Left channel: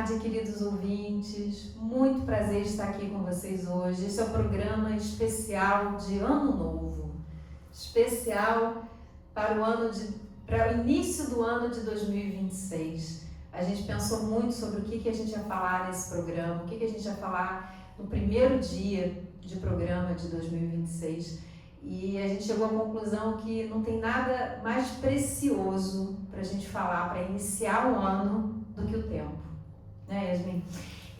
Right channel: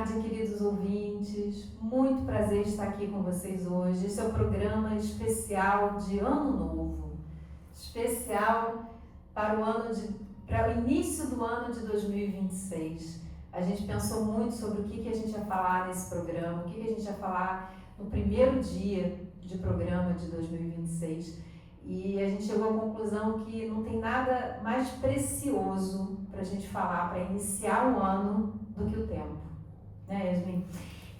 tarde, queridos ouvintes. Muito prazer estar aqui com vocês hoje. Esse é o programa especial de Ano Novo. Especial para o início do ano de 2026. A gente pensou muito sobre o que a gente ia falar nesse programa, o que a gente ia falar no primeiro dia de programa de 2026. E a gente chegou à conclusão que não tem nada mais precioso para a gente falar, para iniciar um ano, do que o tempo. Né, Yasmin?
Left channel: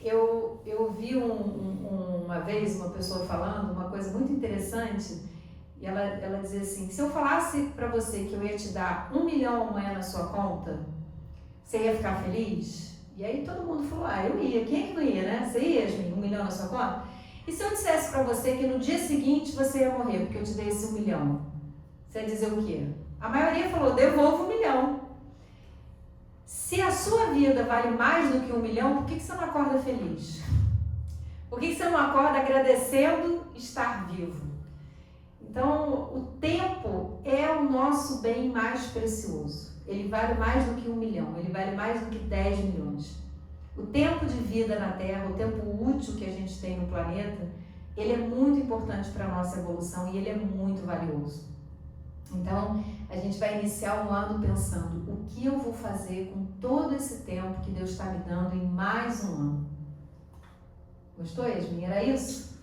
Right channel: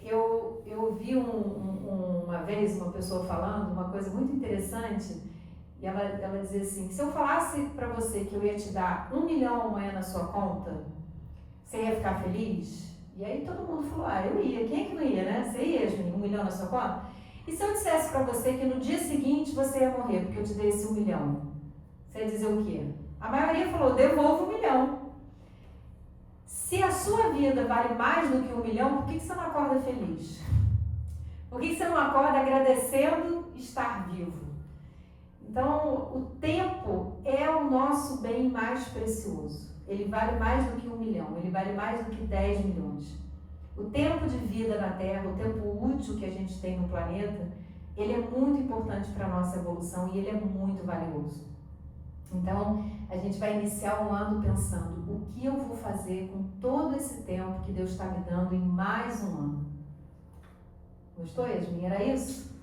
Eu vi uma vez uma pessoa falando uma coisa muito interessante, e ela dizia assim: se eu falasse para você que eu ia te dar 1 milhão amanhã na sua conta, você ia ficar feliz? E aí todo mundo falou: ah, eu ia. Quem é que não ia, né? Você ia, Yasmin, 1 milhão na sua conta? E se eu dissesse para você que no dia seguinte você ia morrer porque eu te dei esse 1 milhão? Você ia dizer o quê? A maioria falou: devolvo 1 milhão. Se a sua vida vale mais do que 1 milhão, por que você não acorda feliz? Por que você não acorda agradecendo estar vivo? Então, o tempo é o nosso bem mais precioso. Ele vale mais do que 1 milhão, ele vale mais do que 10 milhões. O tempo de vida na Terra, o tempo útil que a gente tem no planeta, ele é muito importante para a nossa evolução e ele é muito valioso. Então, a gente vai iniciar um ano pensando: o que eu vou fazer com todo esse tempo que Deus está me dando em mais um ano? Gostou, Yasmin? Era isso?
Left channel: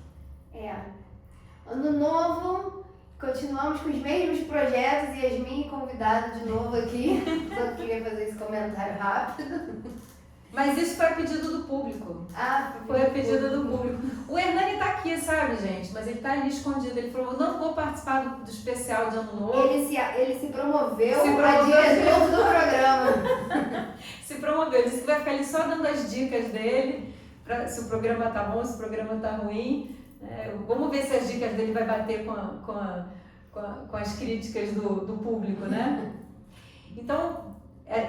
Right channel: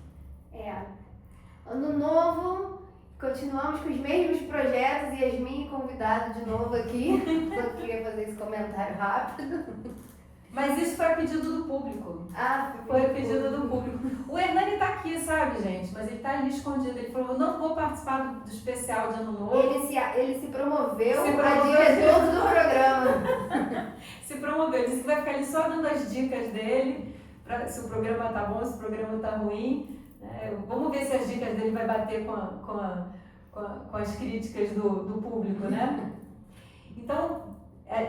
Ano novo, continuamos com os mesmos projetos. Yasmin convidado de novo aqui. Eu queria fazer esse comentário rápido. Mas isso foi a pedido do público. Foi a pedido do público. O Hernani tá aqui, sabe, gente? Mas ele tá ali escondido. Ele falou: não vou participar do especial de Ano Novo. Ele se promoveu a diretor do programa. Se promoveu. Ele disse que vai ficar ali só dando as dicas dele, se o programa tá bom, se o programa tá ruim. Vamos ver se as dicas dele vai bater com as críticas do público, né? Então,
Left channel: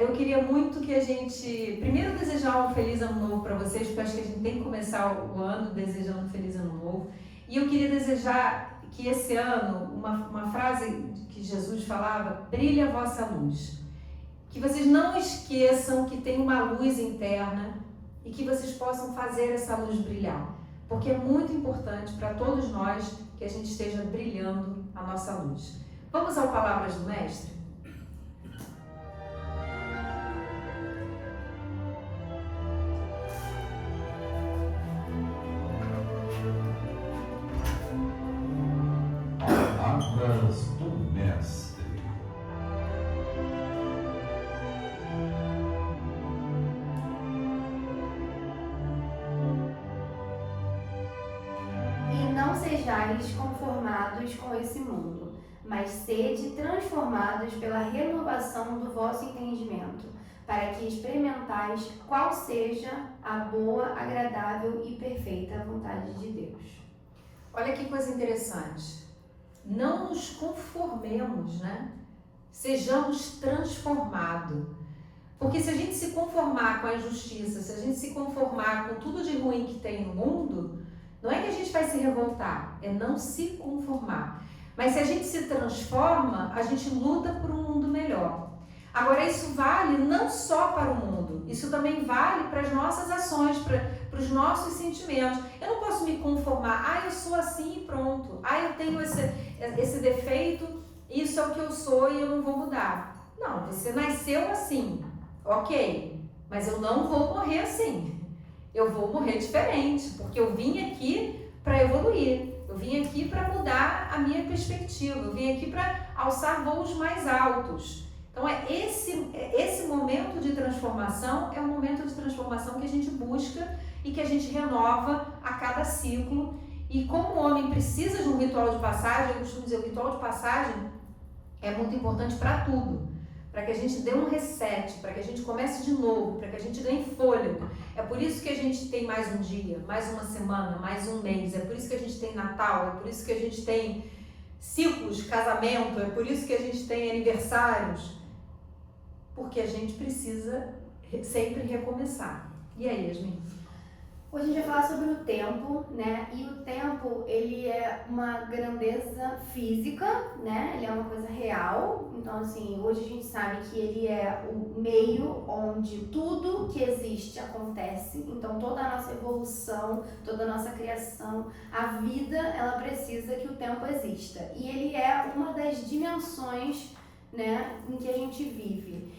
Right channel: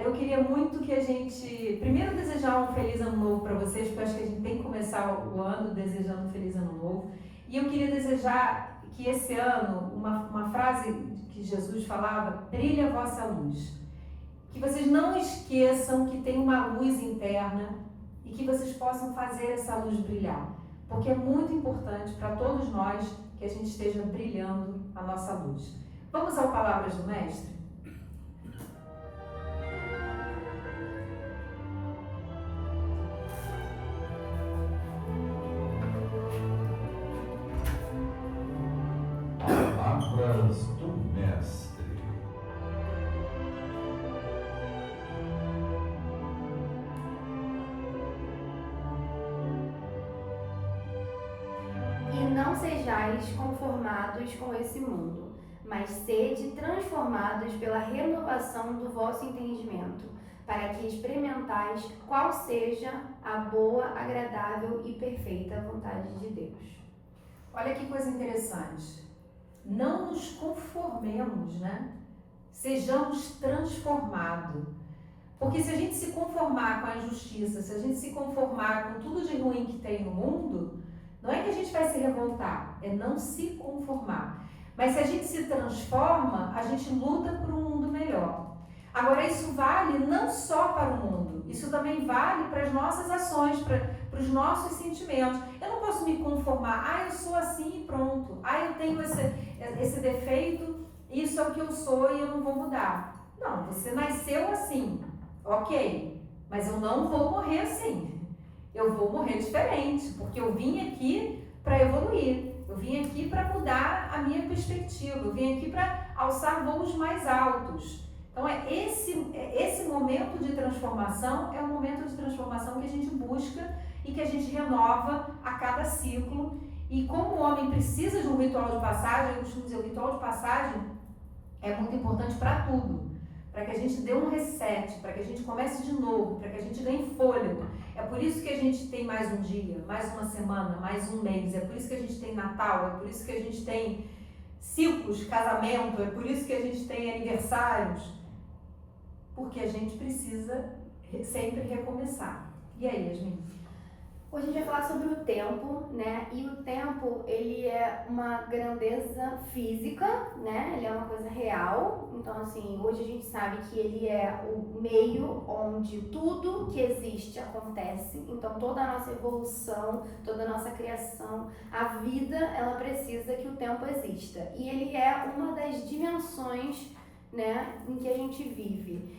eu queria muito que a gente, primeiro, desejar um feliz ano novo para vocês, porque eu acho que a gente tem que começar o ano desejando um feliz ano novo. E eu queria desejar que esse ano, uma frase que Jesus falava: brilhe a vossa luz. Que vocês não esqueçam que tem uma luz interna e que vocês possam fazer essa luz brilhar. Porque é muito importante para todos nós que a gente esteja brilhando a nossa luz. Vamos ao Palavras do Mestre? Palavras do Mestre. E não sejais conformados com esse mundo, mas sede transformados pela renovação do vosso entendimento, para que experimentais qual seja a boa, agradável e perfeita vontade de Deus. Olha que coisa interessante. Não nos conformemos, né? Sejamos transformados. Porque se a gente se conformar com a injustiça, se a gente se conformar com tudo de ruim que tem no mundo, não é que a gente vai se revoltar, é não se conformar. Mas se a gente se transforma, a gente luta por um mundo melhor. Agora, isso vale não só para o mundo, isso também vale para as nossas ações, para os nossos sentimentos. Eu não posso me conformar: eu sou assim e pronto. Eu tenho esse defeito, isso é o que eu sou e eu não vou mudar. Não, você nasceu assim, ok, mas eu não vou morrer assim. Eu vou morrer diferente, porque eu vim aqui para evoluir. Eu vim aqui para mudar a minha perspectiva. Eu vim aqui para alçar voos mais altos. Então, esse momento de transformação é um momento de transformação que a gente busca e que a gente renova a cada ciclo. E como o homem precisa de um ritual de passagem, eu costumo dizer, o ritual de passagem é muito importante para tudo. Para que a gente dê um reset, para que a gente comece de novo, para que a gente ganhe fôlego. É por isso que a gente tem mais um dia, mais uma semana, mais um mês. É por isso que a gente tem Natal, é por isso que a gente tem ciclos, casamento, é por isso que a gente tem aniversários. Porque a gente precisa sempre recomeçar. E aí, Yasmin? Hoje a gente vai falar sobre o tempo, né? E o tempo, ele é uma grandeza física, né? Ele é uma coisa real. Então, assim, hoje a gente sabe que ele é o meio onde tudo que existe acontece. Então, toda a nossa evolução, toda a nossa criação, a vida, ela precisa que o tempo exista. E ele é uma das dimensões, né, em que a gente vive.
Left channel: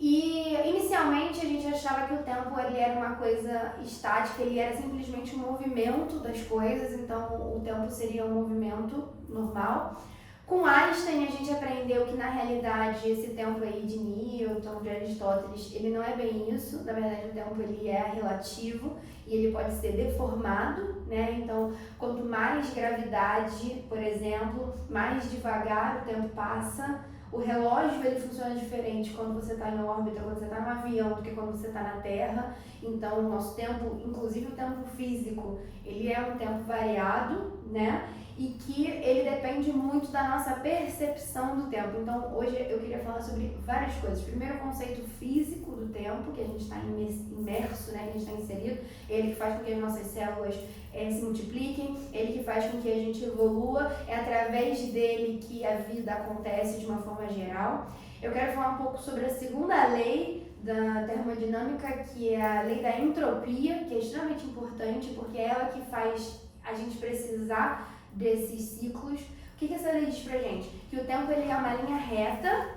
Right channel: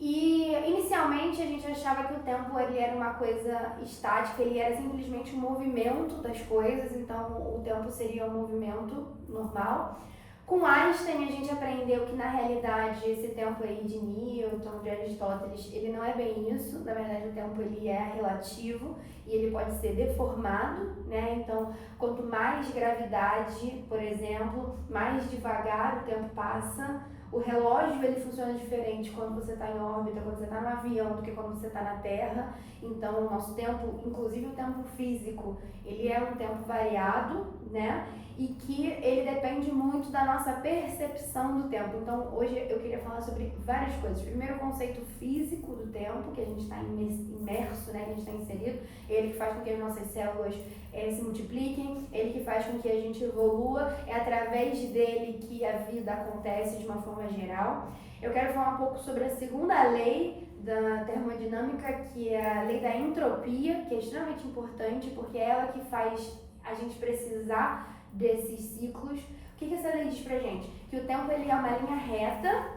E inicialmente a gente achava que o tempo ele era uma coisa estática, ele era simplesmente um movimento das coisas, então o tempo seria um movimento normal. Com Einstein a gente aprendeu que na realidade esse tempo aí de Newton, de Aristóteles, ele não é bem isso, na verdade o tempo ele é relativo e ele pode ser deformado, né? Então quanto mais gravidade, por exemplo, mais devagar o tempo passa. O relógio ele funciona diferente quando você está em órbita, quando você está no avião, do que quando você está na Terra. Então, o nosso tempo, inclusive o tempo físico, ele é um tempo variado, né? E que ele depende muito da nossa percepção do tempo. Então, hoje eu queria falar sobre várias coisas. Primeiro, o conceito físico do tempo, que a gente está imerso, né? Que a gente está inserido. Ele que faz com que as nossas células se multipliquem, ele que faz com que a gente evolua, é através dele que a vida acontece de uma forma geral. Eu quero falar um pouco sobre a segunda lei da termodinâmica, que é a lei da entropia, que é extremamente importante, porque é ela que faz a gente precisar desses ciclos. O que essa lei diz pra gente? Que o tempo ele é uma linha reta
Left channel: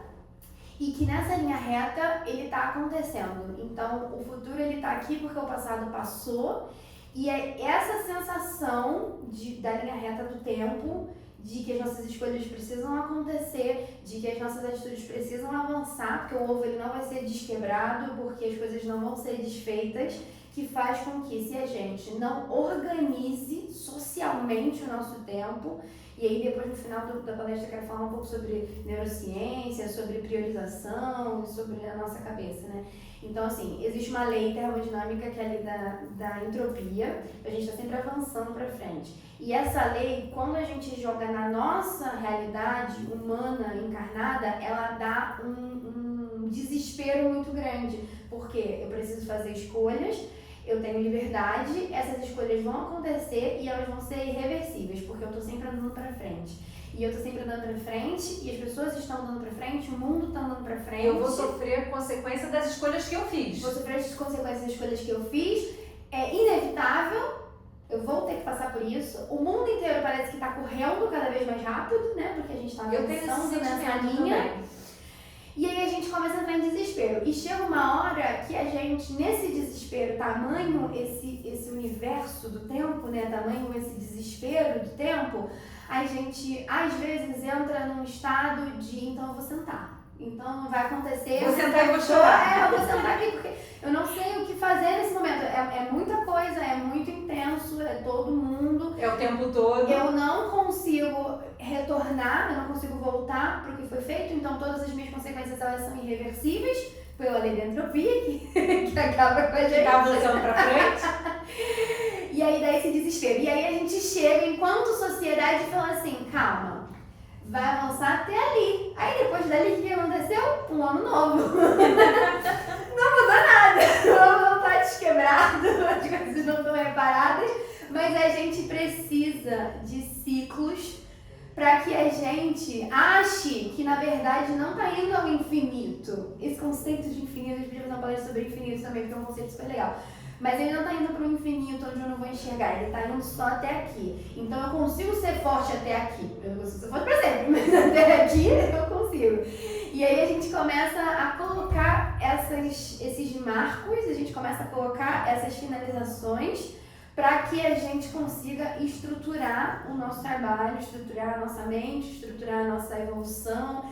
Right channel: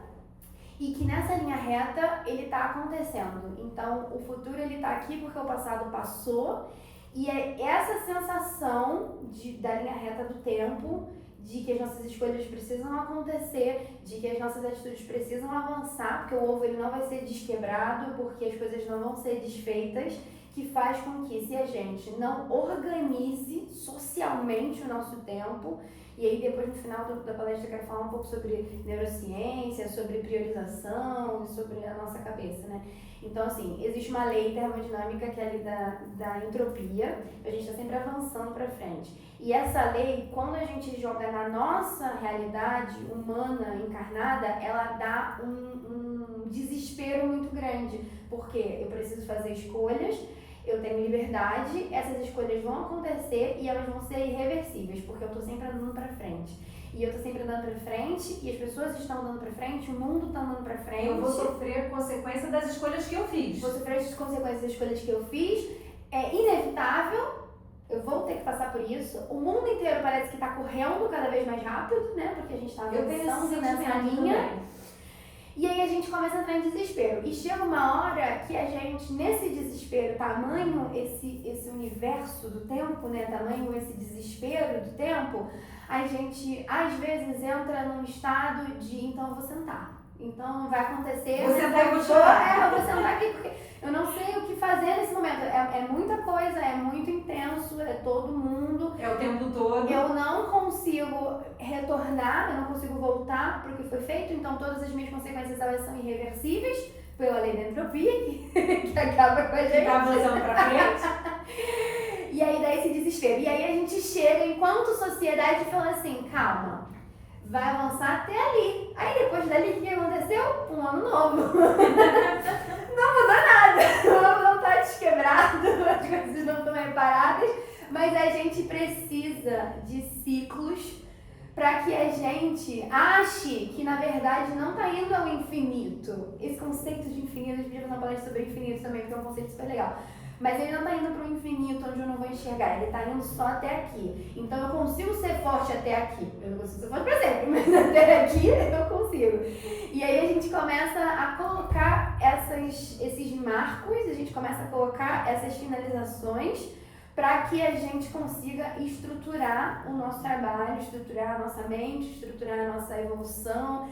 e que nessa linha reta ele está acontecendo. Então, o futuro ele está aqui porque o passado passou. E é essa sensação da linha reta do tempo, de que as nossas escolhas precisam acontecer, de que as nossas atitudes precisam avançar, porque o ovo ele não vai ser desquebrado, porque as coisas não vão ser desfeitas, que faz com que, se a gente não organize socialmente o nosso tempo, e aí depois no final da palestra eu quero falar um pouco sobre neurociência, sobre priorização, sobre a nossa cabeça, né? Então, assim, existe uma lei termodinâmica que é a lei da entropia, a gente está sempre avançando para frente. E essa lei, quando a gente joga na nossa realidade humana encarnada, ela dá um desespero muito grande, porque eu preciso fazer escolhas, eu tenho liberdade, essas escolhas vão acontecer e elas vão ser irreversíveis, porque eu estou sempre andando para frente. E eu tô sempre andando pra frente, e as pessoas estão andando pra frente, o mundo tá andando pra frente. Eu vou sofrer a consequência das escolhas que eu fiz. Vou sofrer as consequências das escolhas que eu fiz. É inevitável, eu vou ter que passar por isso. O mundo inteiro parece que tá correndo cada vez mais rápido, né? Porque a gente tá avançando nessa linha. Também. E aí a gente começa a entrar em desespero. E chega uma hora que a gente, nesse desespero, tamanho esse universo do tempo, né? Tamanho esse desespero do tempo, a gente, às vezes, entra num estado de, então eu vou sentar. Então não vai acontecer. Vou sentar e vou chorar. Eu vou sentar aqui porque eu não sei o que fazer nesse momento. É muita coisa, é muito intenso, é todo mundo. É o tempo todo. Eu não consigo retornar, eu não consigo voltar para o que foi feito, então todas as minhas consequências elas são irreversíveis pela lei da entropia, que acaba com a gente. Tá avançando para frente. E aí dá esse desespero. E aí a gente chega, enquanto sociedade, e fala assim, calma, vai avançar até ali. Aí depois dali, o que aconteceu? Um ano novo. Não mudou nada. O ano não tá desquebrado, as coisas não estão reparadas, mas a gente precisa de ciclos para que a gente ache que na verdade não tá indo ao infinito. Esse conceito de infinito, a gente podia fazer uma palestra sobre infinito também, porque é um conceito super legal. Mas ele não tá indo para o infinito onde eu não vou enxergar, ele tá indo só até aqui. Então eu consigo ser forte até aqui. Eu não consigo ser forte para sempre, mas até aqui eu consigo. E aí a gente começa a colocar esses marcos, a gente começa a colocar essas finalizações para que a gente consiga estruturar o nosso trabalho, estruturar a nossa mente, estruturar a nossa evolução,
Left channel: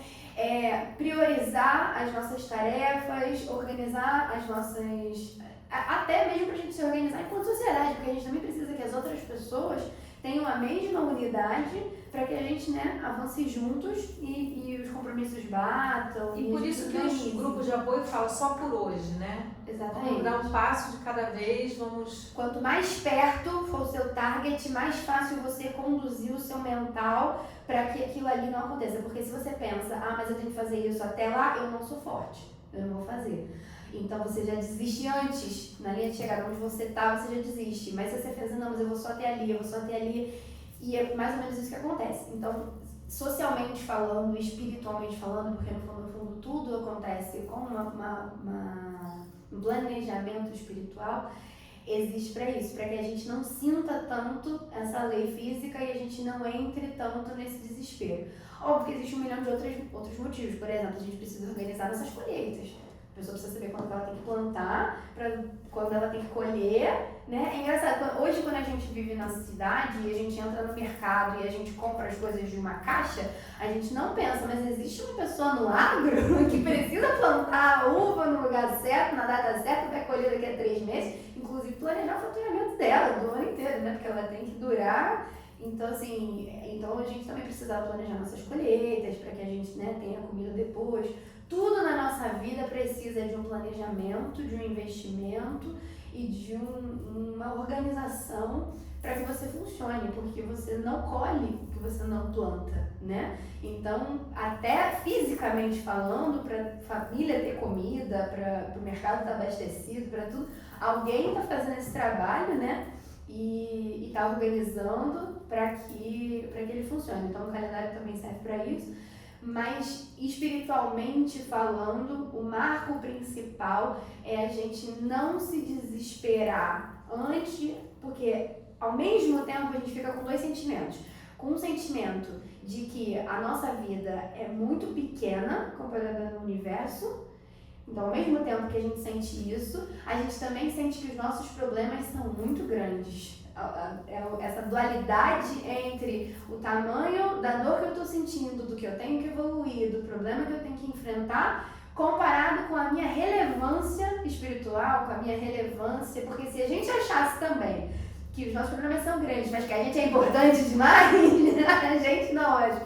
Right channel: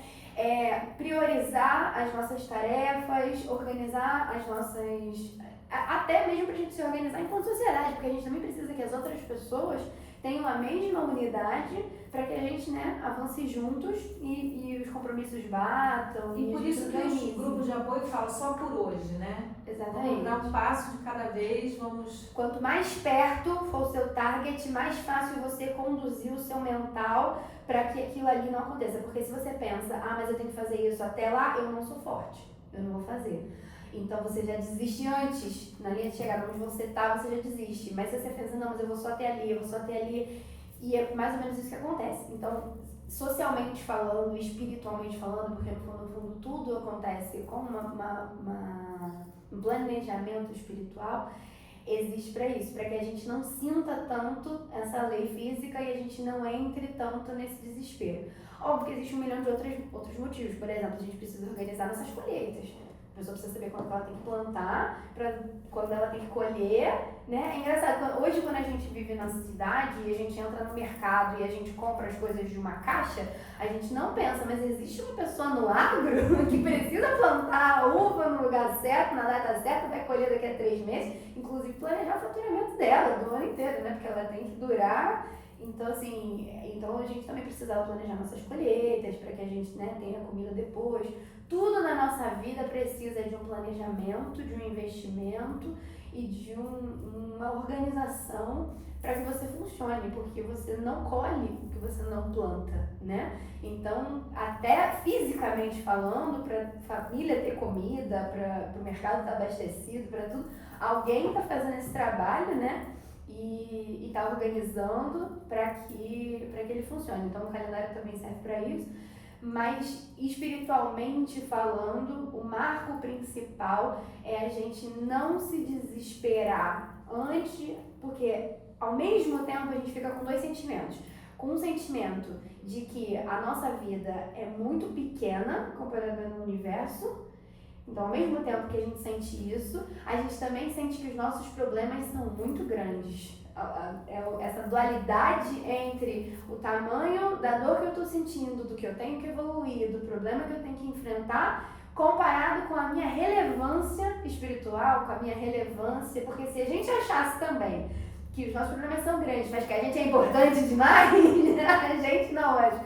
priorizar as nossas tarefas, organizar as nossas... Até mesmo para a gente se organizar enquanto sociedade, porque a gente também precisa que as outras pessoas tenham a mesma unidade para que a gente, né, avance juntos e os compromissos batam. E por isso que os grupos de apoio falam só por hoje, né? Exatamente. Vamos dar um passo de cada vez, vamos... Quanto mais perto for o seu target, mais fácil você conduzir o seu mental para que aquilo ali não aconteça. Porque se você pensa, mas eu tenho que fazer isso até lá, eu não sou forte, eu não vou fazer. Então você já desiste antes, na linha de chegada onde você tá, você já desiste. Mas se você pensa, não, mas eu vou só até ali, eu vou só até ali. E é mais ou menos isso que acontece. Então, socialmente falando, espiritualmente falando, porque no fundo tudo acontece com um planejamento espiritual, existe para isso, para que a gente não sinta tanto essa lei física e a gente não entre tanto nesse desespero. Óbvio que existe 1 milhão de outros motivos. Por exemplo, a gente precisa organizar nossas colheitas. A pessoa precisa saber quando ela tem que plantar, quando ela tem que colher, né? É engraçado, hoje quando a gente vive na cidade e a gente entra no mercado e a gente compra as coisas de uma caixa, a gente não pensa, mas existe uma pessoa no agro que precisa plantar a uva no lugar certo, na data certa, vai colher daqui a 3 meses, inclusive planejar o faturamento dela do ano inteiro, né? Porque ela tem que durar. Então, assim, a gente também precisa planejar nossas colheitas para que a gente, né, tenha comida depois. Tudo na nossa vida precisa de um planejamento, de um investimento e de uma organização para que você funcione, porque você não colhe o que você não planta, né? Então, até fisicamente falando, para a família ter comida, para o mercado estar abastecido, para tudo, alguém está fazendo esse trabalho, né? E está organizando para que ele funcione. Então, o calendário também serve para isso. Mas, espiritualmente falando, o marco principal é a gente não se desesperar antes, porque ao mesmo tempo a gente fica com 2 sentimentos. Com um sentimento de que a nossa vida é muito pequena comparada no universo. Então, ao mesmo tempo que a gente sente isso, a gente também sente que os nossos problemas são muito grandes. Essa dualidade entre o tamanho da dor que eu estou sentindo, do que eu tenho que evoluir, do problema que eu tenho que enfrentar, comparado com a minha relevância espiritual, com a minha relevância, porque se a gente achasse também que os nossos problemas são grandes, mas que a gente é importante demais, a gente não acha.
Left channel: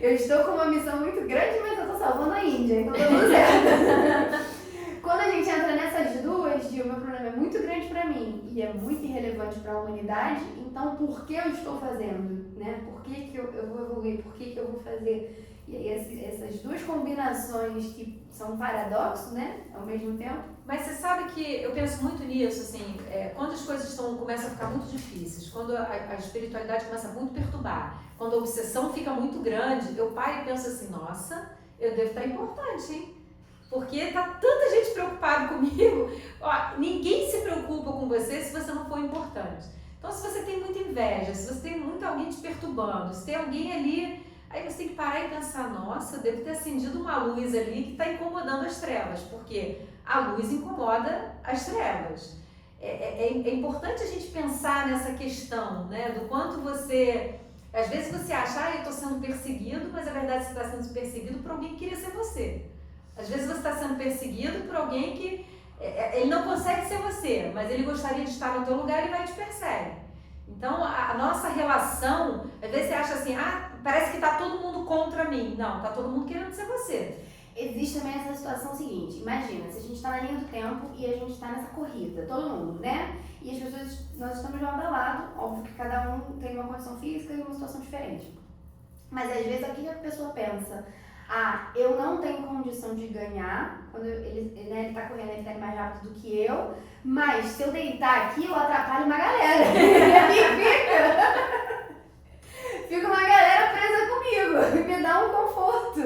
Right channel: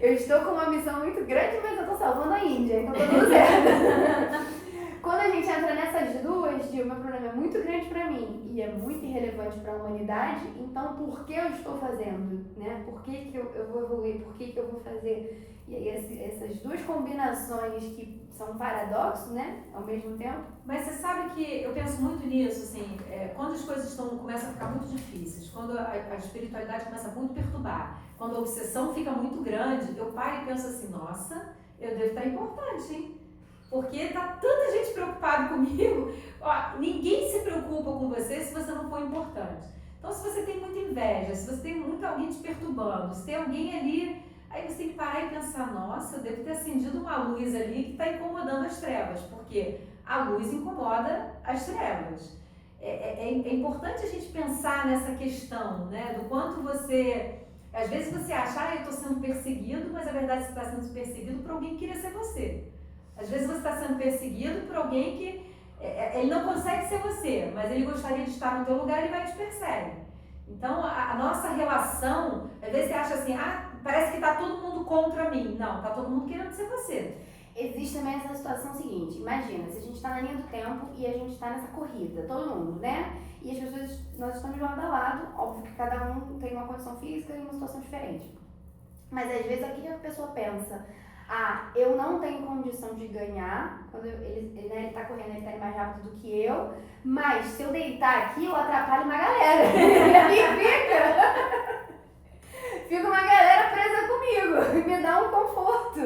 Eu estou com uma missão muito grande, mas eu estou salvando a Índia, então tá tudo certo. Quando a gente entra nessas duas, de o meu problema é muito grande para mim e é muito irrelevante para a humanidade, então por que eu estou fazendo? Né? Por que eu vou evoluir? Por que eu vou fazer? E aí essas duas combinações que são um paradoxo, né? Ao mesmo tempo. Mas você sabe que eu penso muito nisso, assim, quando as coisas começam a ficar muito difíceis, quando a espiritualidade começa a muito perturbar, quando a obsessão fica muito grande, eu paro e penso assim, nossa, eu devo estar importante, hein? Porque tá tanta gente preocupada comigo. Ó, ninguém se preocupa com você se você não for importante. Então, se você tem muita inveja, se você tem muito alguém te perturbando, se tem alguém ali, aí você tem que parar e pensar, nossa, eu devo ter acendido uma luz ali que está incomodando as trevas, porque a luz incomoda as trevas. É importante a gente pensar nessa questão, né, do quanto você... Às vezes você acha, eu estou sendo perseguido, mas a verdade você está sendo perseguido por alguém que queria ser você. Às vezes você está sendo perseguido por alguém que ele não consegue ser você, mas ele gostaria de estar no teu lugar e vai te persegue. Então, a nossa relação, às vezes você acha assim, parece que está todo mundo contra mim. Não, está todo mundo querendo ser você. Existe também essa situação seguinte, imagina, se a gente está na linha do tempo e a gente está nessa corrida, todo mundo, né? E as pessoas, nós estamos lado a lado, óbvio que cada um tem uma condição física e uma situação diferente. Mas às vezes aqui a pessoa pensa, eu não tenho condição de ganhar, quando ele tá correndo, ele tá indo mais rápido do que eu, mas se eu deitar aqui, eu atrapalho uma galera. E fica uma galera presa comigo, e me dá um conforto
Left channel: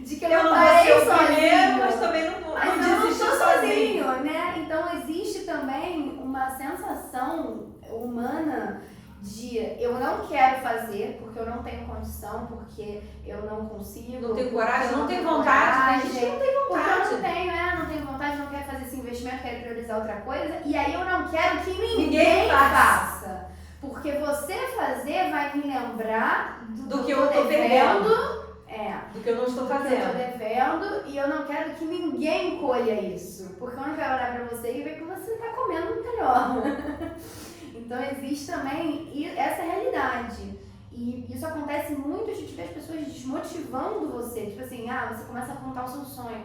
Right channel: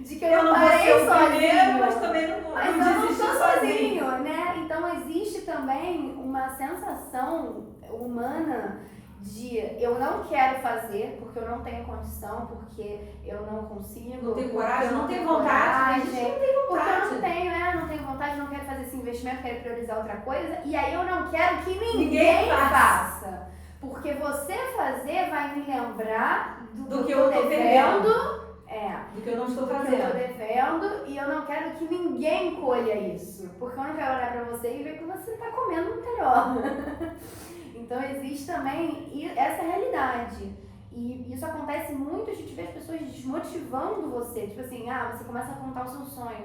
de que eu não parei sozinho, mas também mas eu não estou sozinho, né? Então existe também uma sensação humana de eu não quero fazer porque eu não tenho condição, porque eu não consigo, não tenho coragem, não tenho vontade, porque eu não tenho vontade, não quero fazer esse investimento, quero priorizar outra coisa, e aí eu não quero que ninguém faça. Porque você fazer vai me lembrar do que eu tô devendo. Do que eu não estou fazendo. Eu tô devendo e eu não quero que ninguém colha isso. Porque eu não quero olhar pra você e ver que você tá comendo melhor. Então existe também essa realidade. E isso acontece muito, a gente vê as pessoas desmotivando você. Tipo assim, você começa a contar o seu sonho.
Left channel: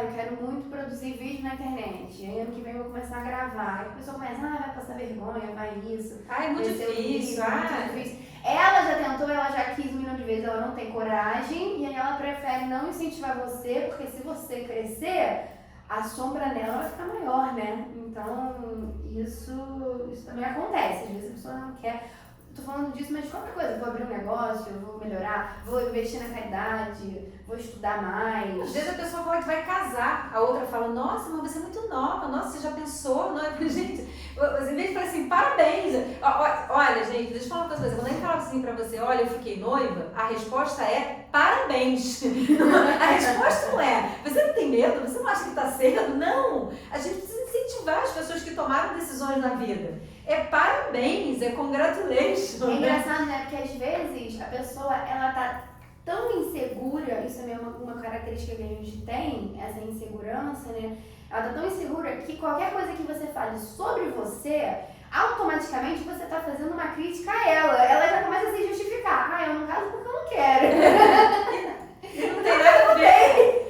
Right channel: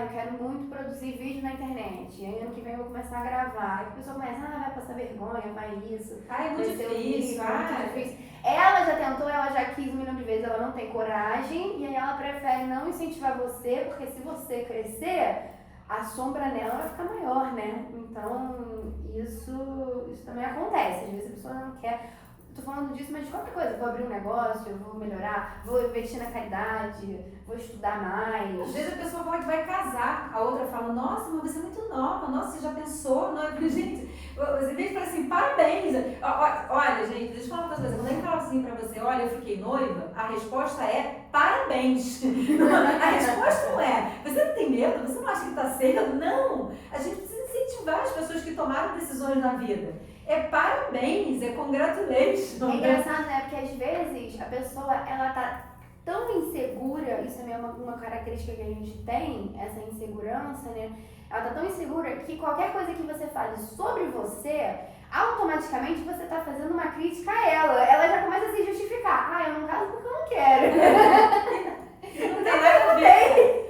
Eu quero muito produzir vídeo na internet. Aí ano que vem eu vou começar a gravar. Aí a pessoa começa, vai passar vergonha, vai isso. É muito difícil. Muito difícil. Ela já tentou, ela já quis 1 milhão de vezes, ela não tem coragem. E aí ela prefere não incentivar você, porque se você crescer, a sombra nela vai ficar maior, né? Então, isso também acontece. Às vezes a pessoa não quer. Tô falando disso, mas de qualquer coisa. Vou abrir um negócio, vou melhorar, vou investir na caridade, vou estudar mais. Às vezes a pessoa fala que vai casar, a outra fala, nossa, mas você é muito nova, nossa, você já pensou? Não é? Gente, em vez de falar assim, parabéns. Olha, gente, deixa eu falar uma coisa. Quando a gente fala assim pra você, olha, eu fiquei noiva, a resposta é parabéns. A resposta não é, você não tem medo? Você não acha que tá cedo? Não. A gente precisa incentivar as pessoas que tomaram decisões na vida. É parabéns, é congratulations. É engraçado, né? Porque às vezes a pessoa, ela tá tão insegura, isso também é uma característica que a gente tem, essa insegurança, né? Ela tá tão insegura que qualquer coisa que você fale sobre você, automaticamente você tá fazendo uma crítica a ela. Ela já começa a se justificar. Ah, eu não caso porque eu não quero. Não tem nada a ver.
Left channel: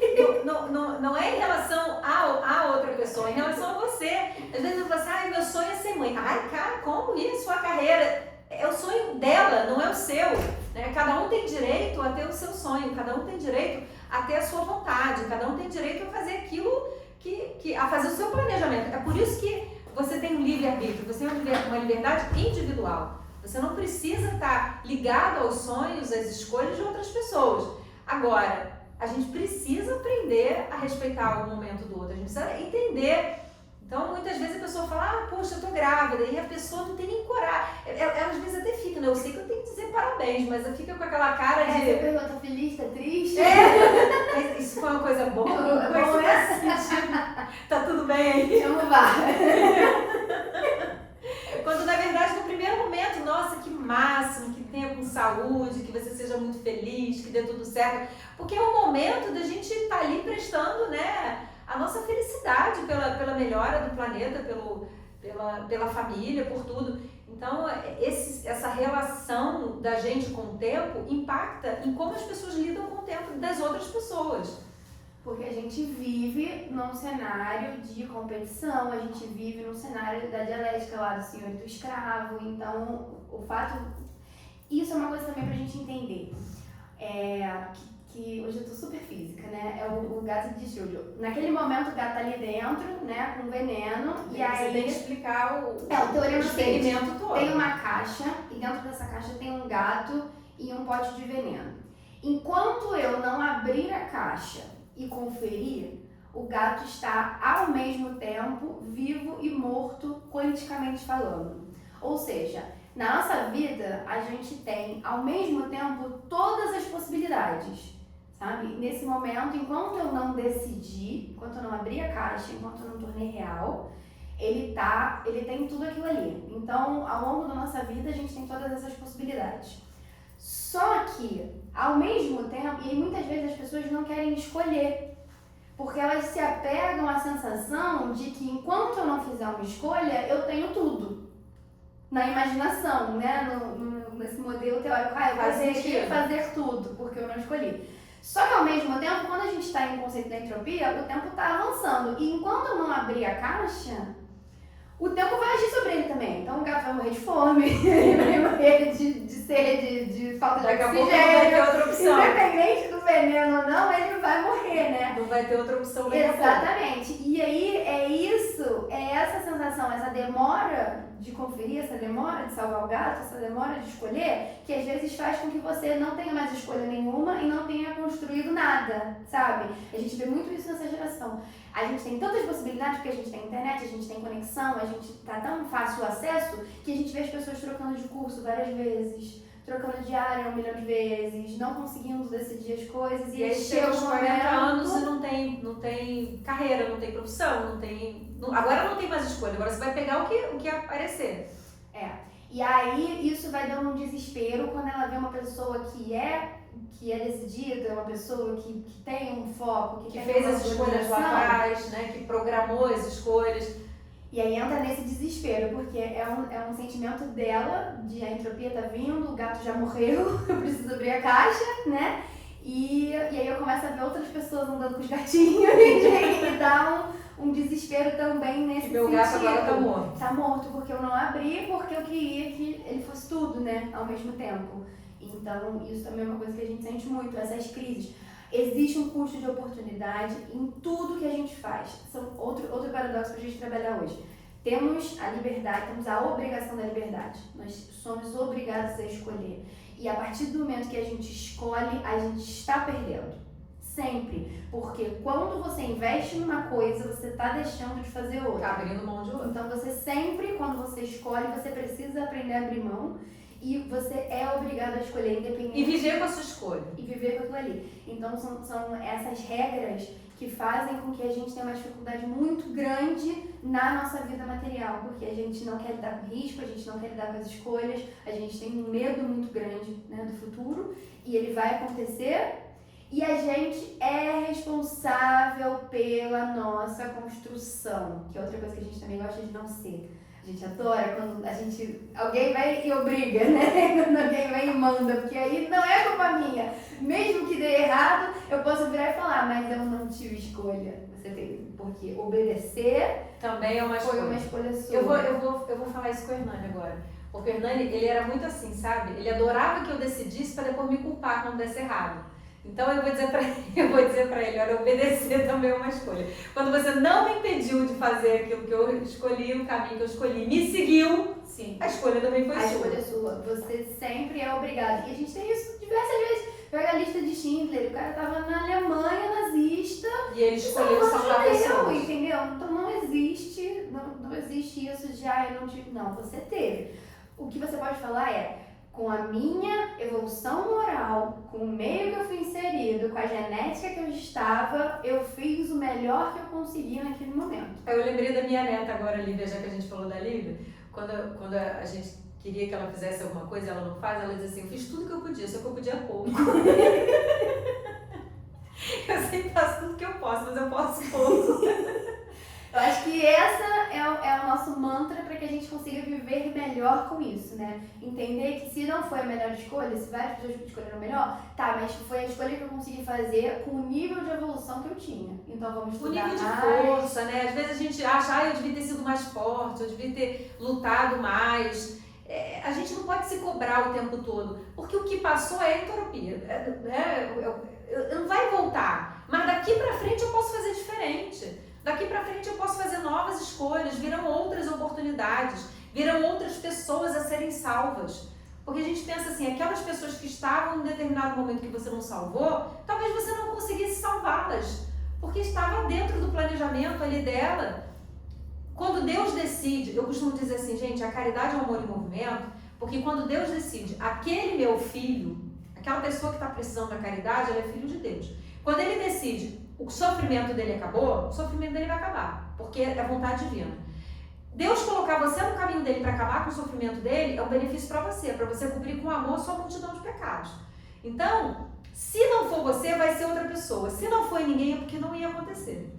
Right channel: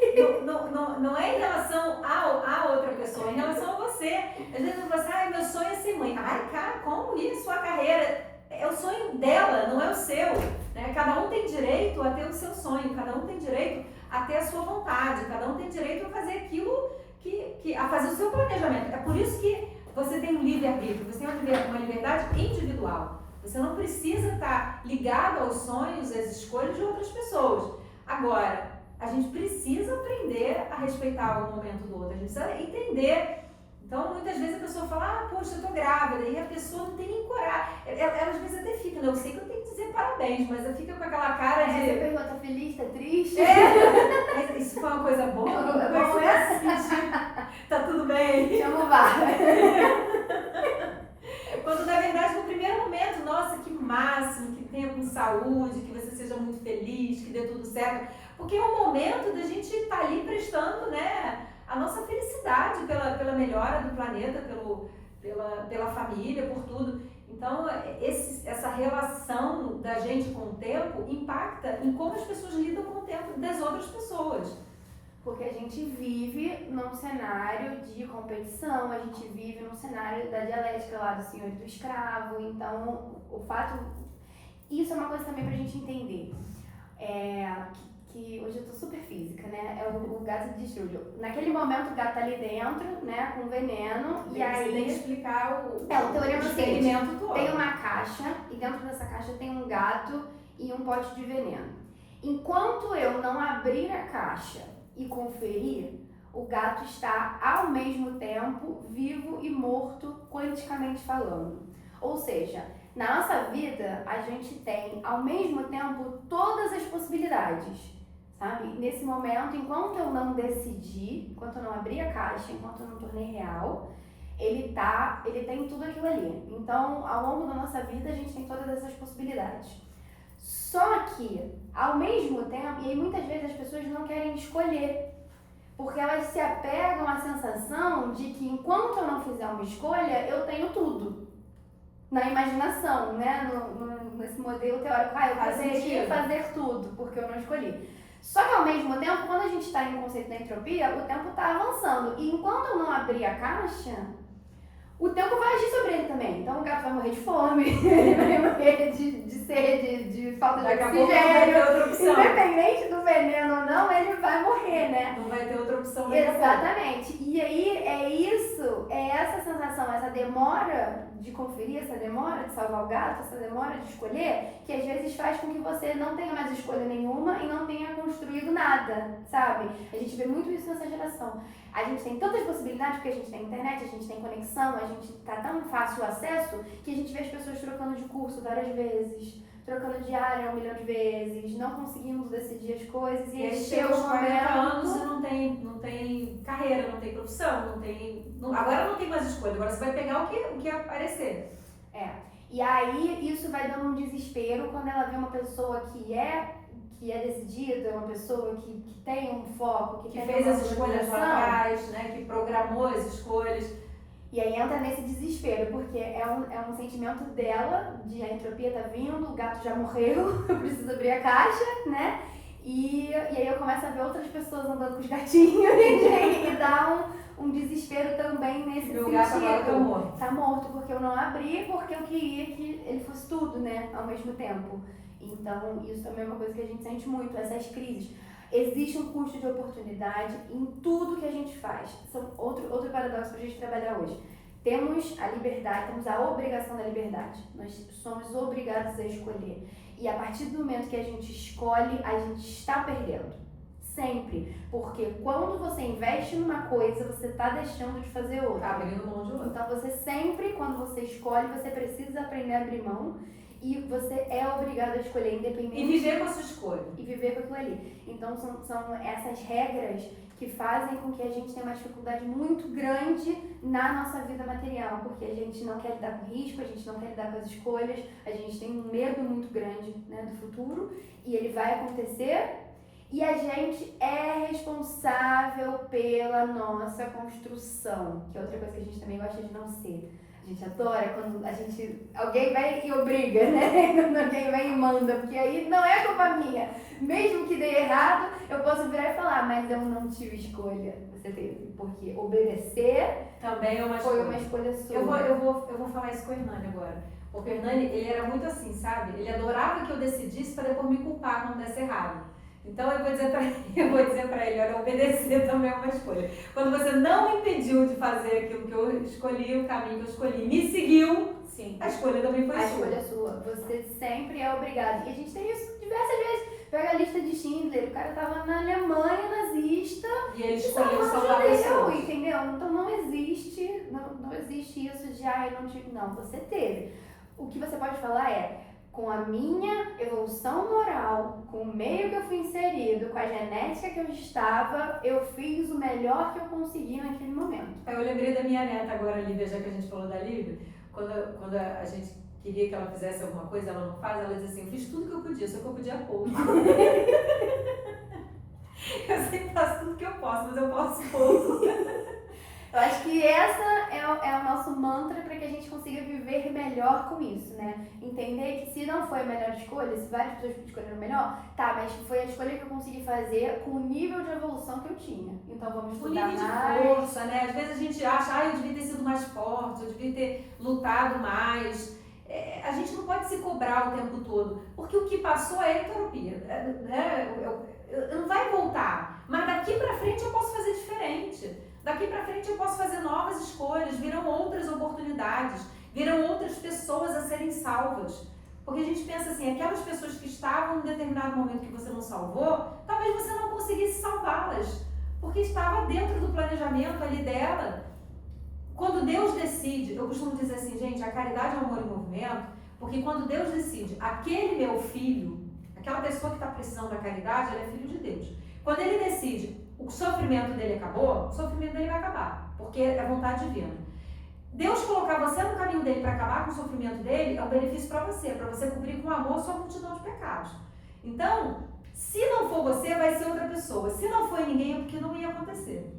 Não é em relação a outra pessoa, é em relação a você. Às vezes você fala assim, meu sonho é ser mãe. Ai, cara, como isso? A carreira é o sonho dela, não é o seu. Né? Cada um tem direito a ter o seu sonho, cada um tem direito a ter a sua vontade, cada um tem direito a fazer aquilo a fazer o seu planejamento. É por isso que você tem um livre-arbítrio, você tem uma liberdade individual. Você não precisa estar ligado aos sonhos, às escolhas de outras pessoas. Agora, a gente precisa aprender a respeitar o momento do outro, a gente precisa entender. Então, muitas vezes a pessoa fala, poxa, eu tô grávida, e a pessoa não tem nem coragem. Ela às vezes até fica, né? Eu sei que eu tenho que dizer parabéns, mas ela fica com aquela cara de... Você pergunta, tá feliz, tá triste? Isso foi uma coisa boa? É bom, né? Tá tudo bem? Vamos lá. Quando, na verdade, no primeiro momento, nossa, que máximo, que tenha com saúde, que você seja muito feliz, que dê tudo certo. Porque é o momento da gente estar ali prestando, né, a nossa felicidade pela melhora do planeta, pela família, por tudo. Então, essa relação da gente com o tempo impacta em como as pessoas lidam com o tempo das outras pessoas. Porque a gente vive num cenário de competição, a gente vive num cenário da dialética lá do senhor e do escravo. Então, o fato... Isso é uma coisa também pra gente entender. Que hoje eu tô super física, né? É o gato de Júlio. Naquele momento o gato tá ali dentro, né? Com veneno. E aí... Você tem que explicar o teorema experimento todo. Tem uma caixa e dentro dessa caixa tem um gato e um pote de veneno. Enquanto eu não abrir a caixa e conferir, o gato está ao mesmo tempo vivo e morto, quanticamente falando. Ou seja, na nossa vida a gente tem ao mesmo tempo todas as possibilidades, sabe? Nesse momento, enquanto eu não decidi, enquanto eu não abri a caixa, enquanto eu não tornei real, ele tem tudo aquilo ali. Então, ao longo da nossa vida a gente tem todas essas possibilidades. Só que, ao mesmo tempo, e aí muitas vezes as pessoas não querem escolher, porque elas se apegam à sensação de que enquanto eu não fizer uma escolha, eu tenho tudo. Na imaginação, né? Nesse modelo teórico, eu poderia fazer tudo, porque eu não escolhi. Só que ao mesmo tempo, quando a gente está em um conceito da entropia, o tempo está avançando. E enquanto eu não abrir a caixa, o tempo vai agir sobre ele também. Então o gato vai morrer de fome, ele vai morrer de sede, de falta de oxigênio. Não vai ter outra opção. Independente do veneno ou não, ele vai morrer, né? Não vai ter outra opção. Exatamente. E aí é essa sensação, essa demora de conferir, essa demora de salvar o gato, essa demora de escolher, que às vezes faz com que você não tenha mais escolha nenhuma e não tenha construído nada, sabe? A gente vê muito isso nessa geração. A gente tem tantas possibilidades porque a gente tem internet, a gente tem conexão, a gente tá tão fácil o acesso que a gente vê as pessoas trocando de curso várias vezes, trocando de área 1 milhão de vezes, não conseguindo decidir as coisas e aí chega aos 40 anos e não tem carreira, não tem profissão, agora não tem mais escolha, agora você vai pegar o que aparecer. E aí isso vai dando um desespero quando ela vê uma pessoa que é decidida, uma pessoa que tem um foco, que fez as escolhas lá atrás, né? Que programou as escolhas. E aí entra nesse desespero, porque é um sentimento dela, de a entropia tá vindo, o gato já morreu, eu preciso abrir a caixa, né? E aí eu começo a ver outras pessoas andando com os gatinhos e dá um desespero também nesse sentido. Meu gato agora tá morto. Tá morto porque eu não abri, porque eu queria que ele fosse tudo, né? Ao mesmo tempo. Então, isso também é uma coisa que a gente sente muito, essas crises. Existe um custo de oportunidade em tudo que a gente faz. Outro paradoxo para a gente trabalhar hoje. Temos a liberdade, temos a obrigação da liberdade. Nós somos obrigados a escolher. E a partir do momento que a gente escolhe, a gente está perdendo. Sempre. Porque quando você investe numa coisa, você está deixando de fazer outra. Tá abrindo mão de outra. Então você sempre, quando você escolhe, você precisa aprender a abrir mão. E você é obrigado a escolher independente. E viver com a sua escolha. E viver com aquilo ali. Então são essas regras que fazem com que a gente tenha uma dificuldade muito grande na nossa vida material. Porque a gente não quer lidar com risco, a gente não quer lidar com as escolhas, a gente tem um medo muito grande, né, do futuro. E ele vai acontecer. E a gente é responsável pela nossa construção. Que é outra coisa que a gente também gosta de não ser. A gente adora quando alguém vai e obriga, né? Quando alguém vai e manda, porque aí não é culpa minha. Mesmo que dê errado, eu posso virar e falar, mas eu não tive escolha. Você teve, porque obedecer também é uma escolha. Foi uma escolha sua. Eu vou falar isso com o Hernani agora. O Hernani, ele era muito assim, sabe? Ele adorava que eu decidisse para depois me culpar quando desse errado. Então eu vou dizer para ele, olha, obedecer também é uma escolha. Quando você não me impediu de fazer aquilo que eu escolhi, o caminho que eu escolhi, me seguiu, sim, a escolha também foi sua. A escolha é sua. Você sempre é obrigado. E a gente tem isso diversas vezes. Pega a lista de Schindler, o cara tava na Alemanha nazista e ele escolheu salvar pessoas. Entendeu? Então não existe isso de, eu não tive. Não, você teve. O que você pode falar é, com a minha evolução moral, com o meio que eu fui inserido, com a genética que eu estava, eu fiz o melhor que eu consegui naquele momento. Eu lembrei da minha neta agora, Lívia, já que a gente falou da Lívia, quando a gente queria que ela fizesse alguma coisa, ela não faz, ela diz assim, eu fiz tudo que eu podia, só que eu podia pouco. Eu sempre faço tudo que eu posso, mas eu posso pouco. Eu acho que essa é o nosso mantra para que a gente consiga viver melhor com isso, né? Entender que se não foi a melhor escolha, se várias pessoas escolheram melhor, tá, mas foi a escolha que eu consegui fazer com o nível de evolução que eu tinha. Então vamos estudar mais. O nível de força, né? Às vezes a gente acha, eu devia ter sido mais forte, eu devia ter lutado mais. A gente não pode se cobrar o tempo todo, porque o que passou é entropia, né? Não vai voltar, mas daqui pra frente eu posso fazer diferente. Daqui pra frente eu posso fazer novas escolhas, virão outras oportunidades, virão outras pessoas a serem salvas. Porque a gente pensa assim, aquelas pessoas que estavam em determinado momento que você não salvou, talvez você não conseguisse salvá-las, porque estava dentro do planejamento ali dela. Quando Deus decide, eu costumo dizer assim, gente, a caridade é um amor em movimento, porque quando Deus decide, aquele meu filho, aquela pessoa que está precisando da caridade, ela é filho de Deus. Quando ele decide, o sofrimento dele acabou, o sofrimento dele vai acabar, porque é vontade divina. Deus colocar você no caminho dele para acabar com o sofrimento dele é um benefício para você cobrir com amor a sua multidão de pecados. Então, se não for você, vai ser outra pessoa. Se não for ninguém, é porque não ia acontecer.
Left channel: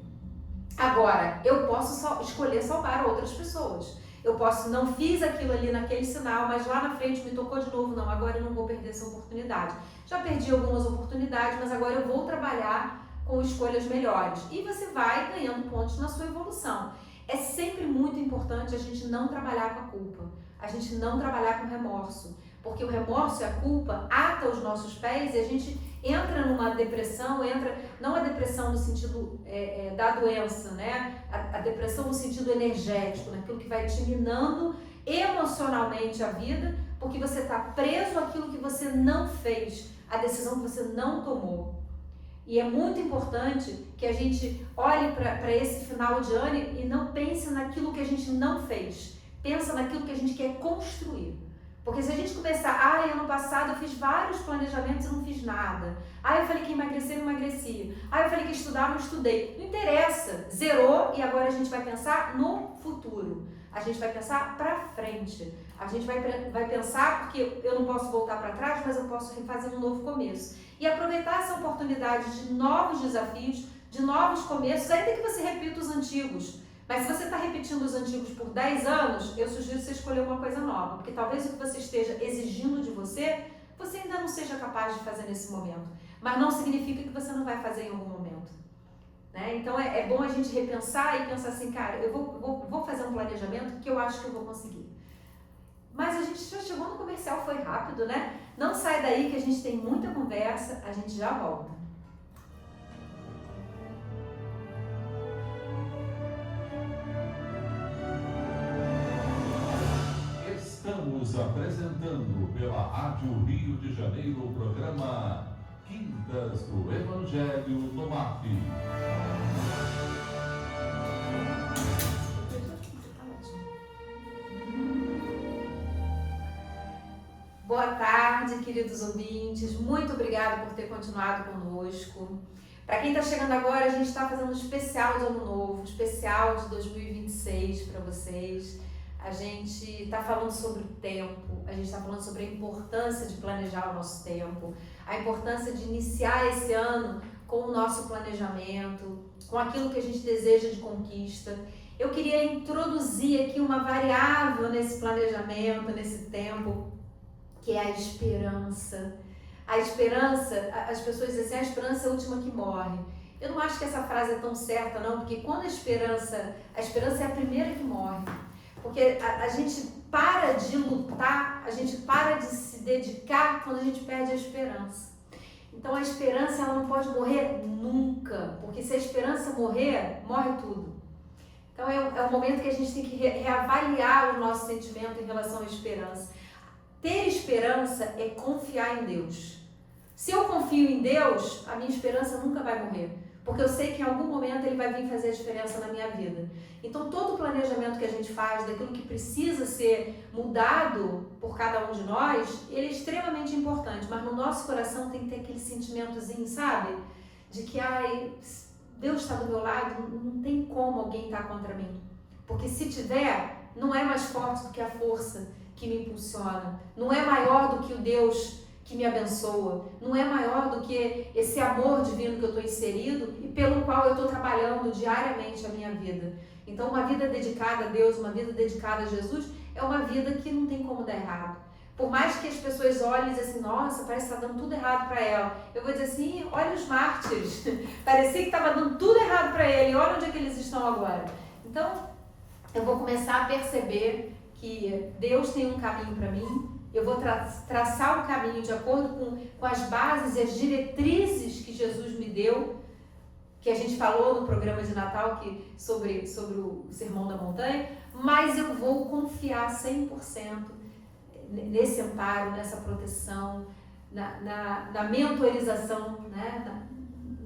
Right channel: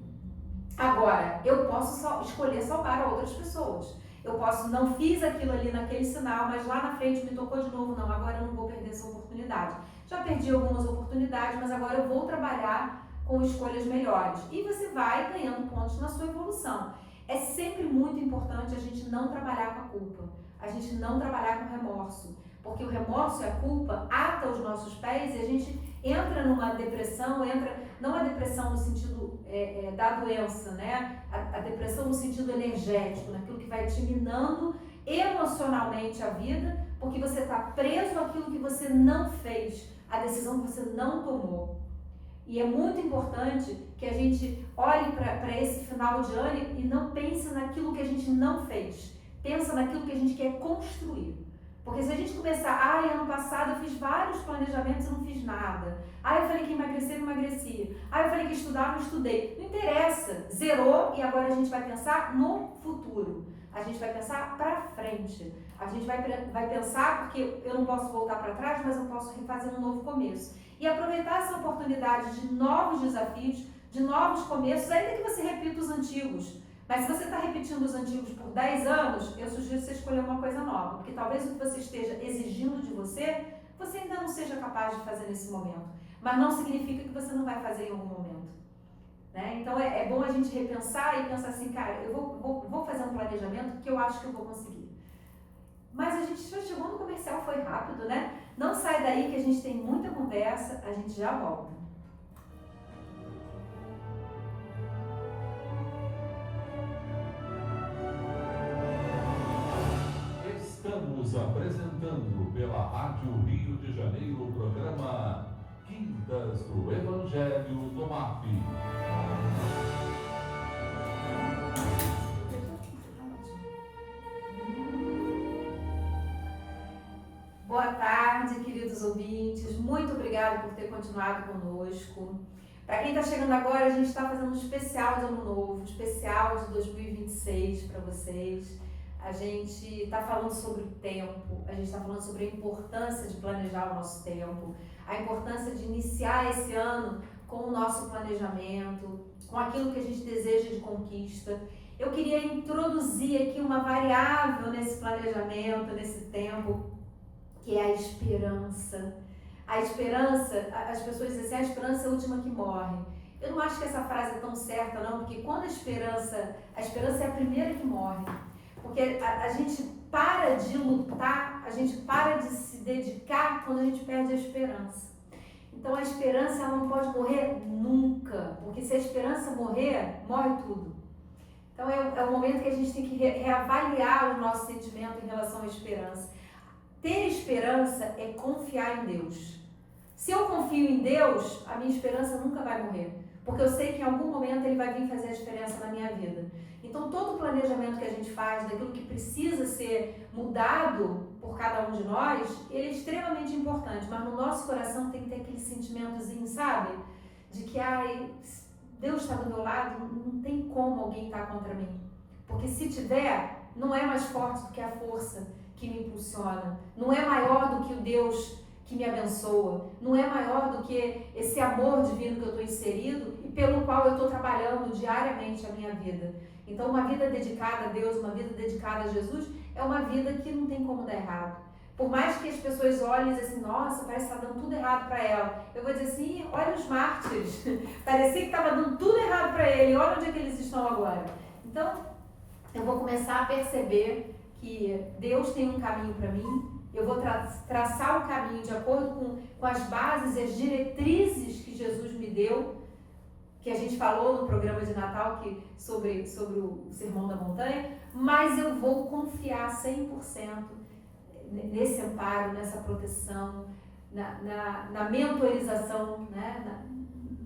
Agora, eu posso escolher salvar outras pessoas. Eu não fiz aquilo ali naquele sinal, mas lá na frente me tocou de novo. Não, agora eu não vou perder essa oportunidade. Já perdi algumas oportunidades, mas agora eu vou trabalhar com escolhas melhores. E você vai ganhando pontos na sua evolução. É sempre muito importante a gente não trabalhar com a culpa. A gente não trabalhar com remorso. Porque o remorso e a culpa atam os nossos pés e a gente entra numa depressão, não a depressão no sentido da doença, né? A depressão no sentido energético, naquilo que vai te minando emocionalmente a vida, porque você está preso àquilo que você não fez, a decisão que você não tomou. E é muito importante que a gente olhe para esse final de ano e não pense naquilo que a gente não fez. Pensa naquilo que a gente quer construir. Porque se a gente começar, ano passado eu fiz vários planejamentos e não fiz nada. Eu falei que emagrecer, não emagreci. Eu falei que estudar, não estudei. Não interessa, zerou e agora a gente vai pensar no futuro. A gente vai pensar para frente. A gente vai pensar, porque eu não posso voltar para trás, mas eu posso fazer um novo começo. E aproveitar essa oportunidade de novos desafios, de novos começos, ainda que você repita os antigos. Mas se você está repetindo os antigos por 10 anos, eu sugiro você escolher uma coisa nova, porque talvez o que você esteja exigindo de você, você ainda não seja capaz de fazer nesse momento. Mas não significa que você não vai fazer em algum momento. Né? Então é bom a gente repensar e pensar assim, cara, eu vou fazer um planejamento que eu acho que eu vou conseguir. Mas a gente já chegou no comercial, foi rápido, né? Não sai daí que a gente tem muita conversa, a gente já volta. Rio de Janeiro, o programa Quintas do Evangelho no MAP. Boa tarde, queridos ouvintes. Muito obrigada por ter continuado conosco. Para quem está chegando agora, a gente está fazendo um especial de Ano Novo, um especial de 2026 para vocês. A gente está falando sobre o tempo, a gente está falando sobre a importância de planejar o nosso tempo, a importância de iniciar esse ano com o nosso planejamento, com aquilo que a gente deseja de conquista. Eu queria introduzir aqui uma variável nesse planejamento, nesse tempo, que é a esperança. A esperança, as pessoas dizem assim, a esperança é a última que morre. Eu não acho que essa frase é tão certa não, porque quando a esperança é a primeira que morre. Porque a gente para de lutar, a gente para de se dedicar quando a gente perde a esperança. Então a esperança ela não pode morrer nunca, porque se a esperança morrer, morre tudo. Então é um momento que a gente tem que reavaliar o nosso sentimento em relação à esperança. Ter esperança é confiar em Deus. Se eu confio em Deus, a minha esperança nunca vai morrer, porque eu sei que em algum momento Ele vai vir fazer a diferença na minha vida. Então todo o planejamento que a gente faz, daquilo que precisa ser mudado por cada um de nós, ele é extremamente importante, mas no nosso coração tem que ter aquele sentimentozinho, sabe? De que, Deus está do meu lado, não tem como alguém estar contra mim. Porque se tiver, não é mais forte do que a força que me impulsiona, não é maior do que o Deus que me abençoa, não é maior do que esse amor divino que eu estou inserido e pelo qual eu estou trabalhando diariamente a minha vida. Então uma vida dedicada a Deus, uma vida dedicada a Jesus, é uma vida que não tem como dar errado. Por mais que as pessoas olhem e dizem assim, nossa, parece que está dando tudo errado para ela. Eu vou dizer assim, olha os mártires, parecia que estava dando tudo errado para ele, olha onde é que eles estão agora. Então, eu vou começar a perceber que Deus tem um caminho para mim, eu vou traçar o caminho de acordo com as bases e as diretrizes que Jesus me deu, que a gente falou no programa de Natal sobre o Sermão da Montanha, mas eu vou confiar 100% nesse amparo, nessa proteção, na mentorização, né?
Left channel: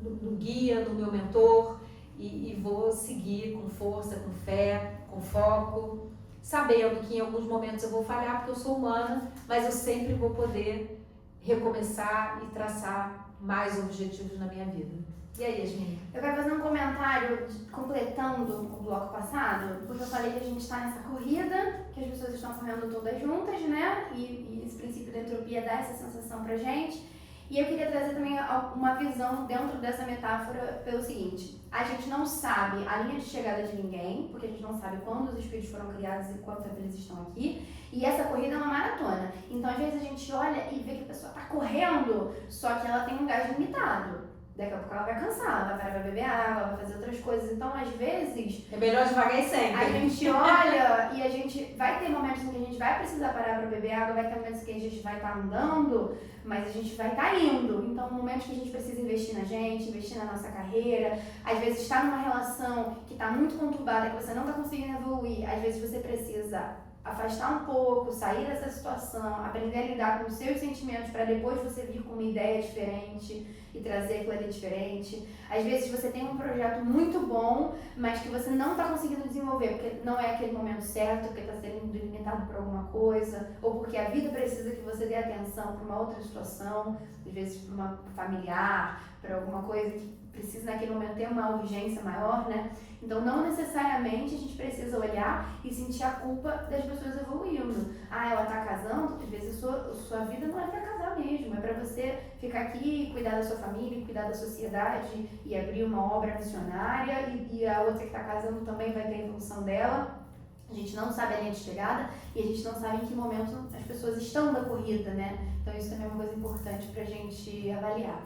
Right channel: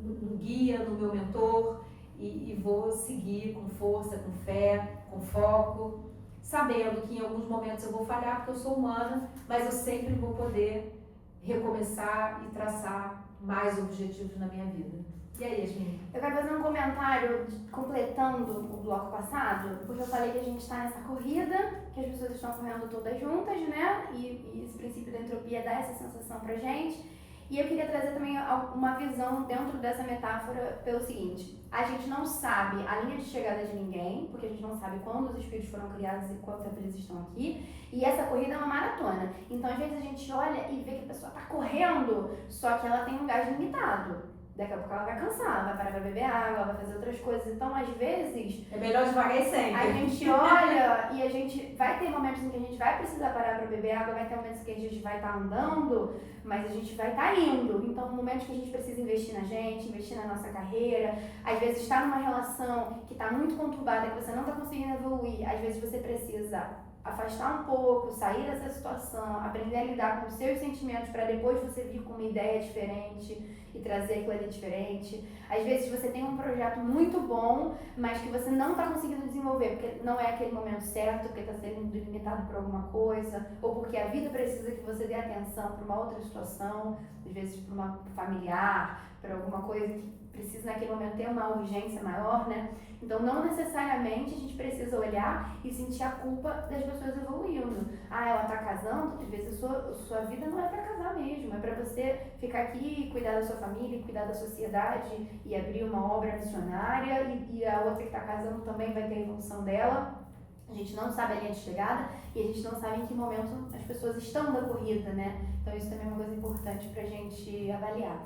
no guia, no meu mentor, e vou seguir com força, com fé, com foco, sabendo que em alguns momentos eu vou falhar porque eu sou humana, mas eu sempre vou poder recomeçar e traçar mais objetivos na minha vida. E aí, Yasmin? Eu quero fazer um comentário completando o bloco passado, porque eu falei que a gente está nessa corrida, que as pessoas estão correndo todas juntas, né? E esse princípio da entropia dá essa sensação pra gente. E eu queria trazer também uma visão dentro dessa metáfora pelo seguinte: a gente não sabe a linha de chegada de ninguém, porque a gente não sabe quando os espíritos foram criados e quanto tempo eles estão aqui, e essa corrida é uma maratona. Então, às vezes a gente olha e vê que a pessoa está correndo, só que ela tem um gás limitado. Daqui a pouco ela vai cansar, vai parar pra beber água, vai fazer outras coisas. Então, às vezes... é melhor devagar e sempre. A gente olha e a gente vai ter momentos em que a gente vai precisar parar pra beber água, vai ter momentos em que a gente vai estar andando, mas a gente vai estar indo. Então, momentos que a gente precisa investir na gente, investir na nossa carreira. Às vezes, estar numa relação que está muito conturbada, que você não está conseguindo evoluir. Às vezes, você precisa afastar um pouco, sair dessa situação, aprender a lidar com os seus sentimentos para depois você vir com uma ideia diferente e trazer aquilo ali diferente. Às vezes você tem um projeto muito bom, mas que você não está conseguindo desenvolver porque não é aquele momento certo, porque está sendo limitado por alguma coisa, ou porque a vida precisa que você dê atenção para uma outra situação, às vezes para uma familiar, para alguma coisa que precisa naquele momento ter uma urgência maior, né? Então, não necessariamente a gente precisa olhar e sentir a culpa das pessoas evoluindo. Ela tá casando, às vezes a sua vida não é para casar mesmo, é para você ficar aqui, cuidar da sua família, cuidar da sociedade e abrir uma obra missionária, e a outra que tá casando também vai ter a evolução dela. A gente não sabe a linha de chegada e a gente não sabe em que momento as pessoas estão na corrida, né? Então, isso também é uma coisa importante pra gente avaliar.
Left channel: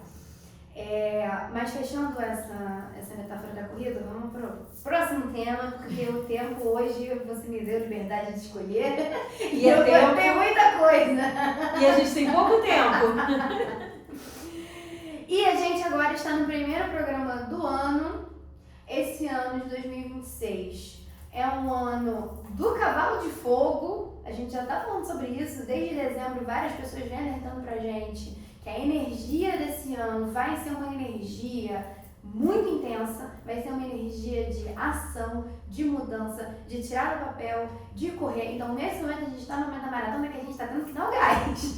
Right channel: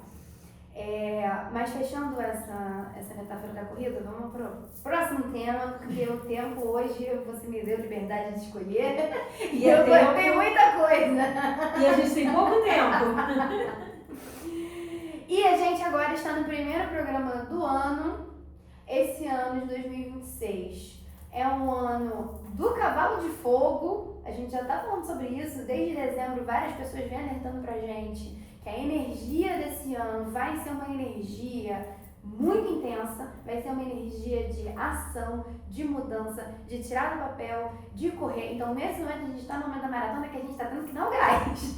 Mas fechando essa metáfora da corrida, vamos para o próximo tema, porque o tempo hoje você me deu liberdade de escolher e eu tenho muita coisa. E a gente tem pouco tempo. E a gente agora está no primeiro programa do ano, esse ano de 2026. É um ano do cavalo de fogo, a gente já tá falando sobre isso desde dezembro, várias pessoas vêm alertando pra gente que a energia desse ano vai ser uma energia muito intensa, vai ser uma energia de ação, de mudança, de tirar do papel, de correr. Então, nesse momento, a gente está no momento da maratona que a gente está tendo que dar o gás.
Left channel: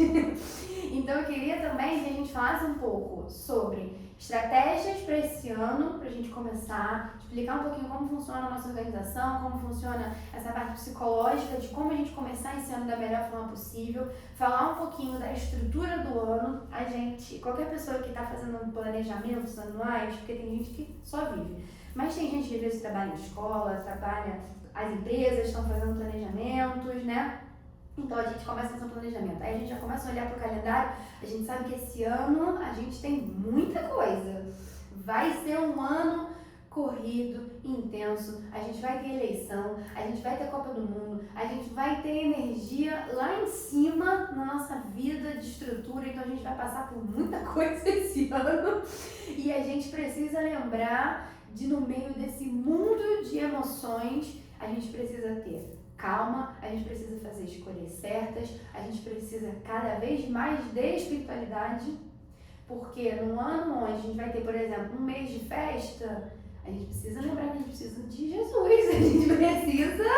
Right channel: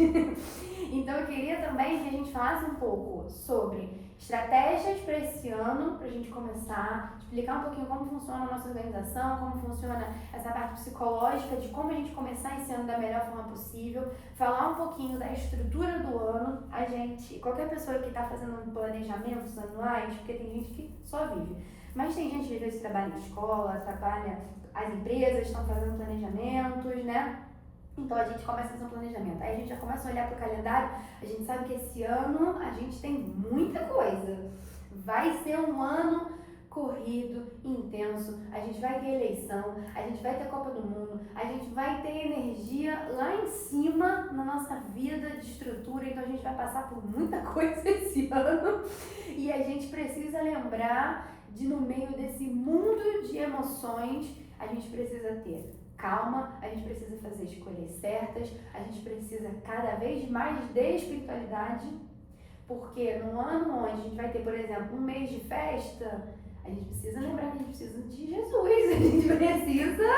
Então, eu queria também que a gente falasse um pouco sobre estratégias para esse ano, para a gente começar, explicar um pouquinho como funciona a nossa organização, como funciona essa parte psicológica, de como a gente começar esse ano da melhor forma possível, falar um pouquinho da estrutura do ano. A gente, qualquer pessoa que está fazendo planejamentos anuais, porque tem gente que só vive, mas tem gente que às vezes trabalha em escola, as empresas estão fazendo planejamentos, né? Então a gente começa a fazer um planejamento, aí a gente já começa a olhar para o calendário, a gente sabe que esse ano a gente tem muita coisa, vai ser um ano corrido, intenso, a gente vai ter eleição, a gente vai ter Copa do Mundo, a gente vai ter energia lá em cima na nossa vida de estrutura, então a gente vai passar por muita coisa esse ano e a gente precisa lembrar de, no meio desse mundo de emoções, a gente precisa ter calma, a gente precisa fazer escolhas certas, a gente precisa cada vez mais de espiritualidade, porque num ano onde a gente vai ter, por exemplo, um mês de festa, a gente precisa lembrar que a gente precisa de Jesus, a gente precisa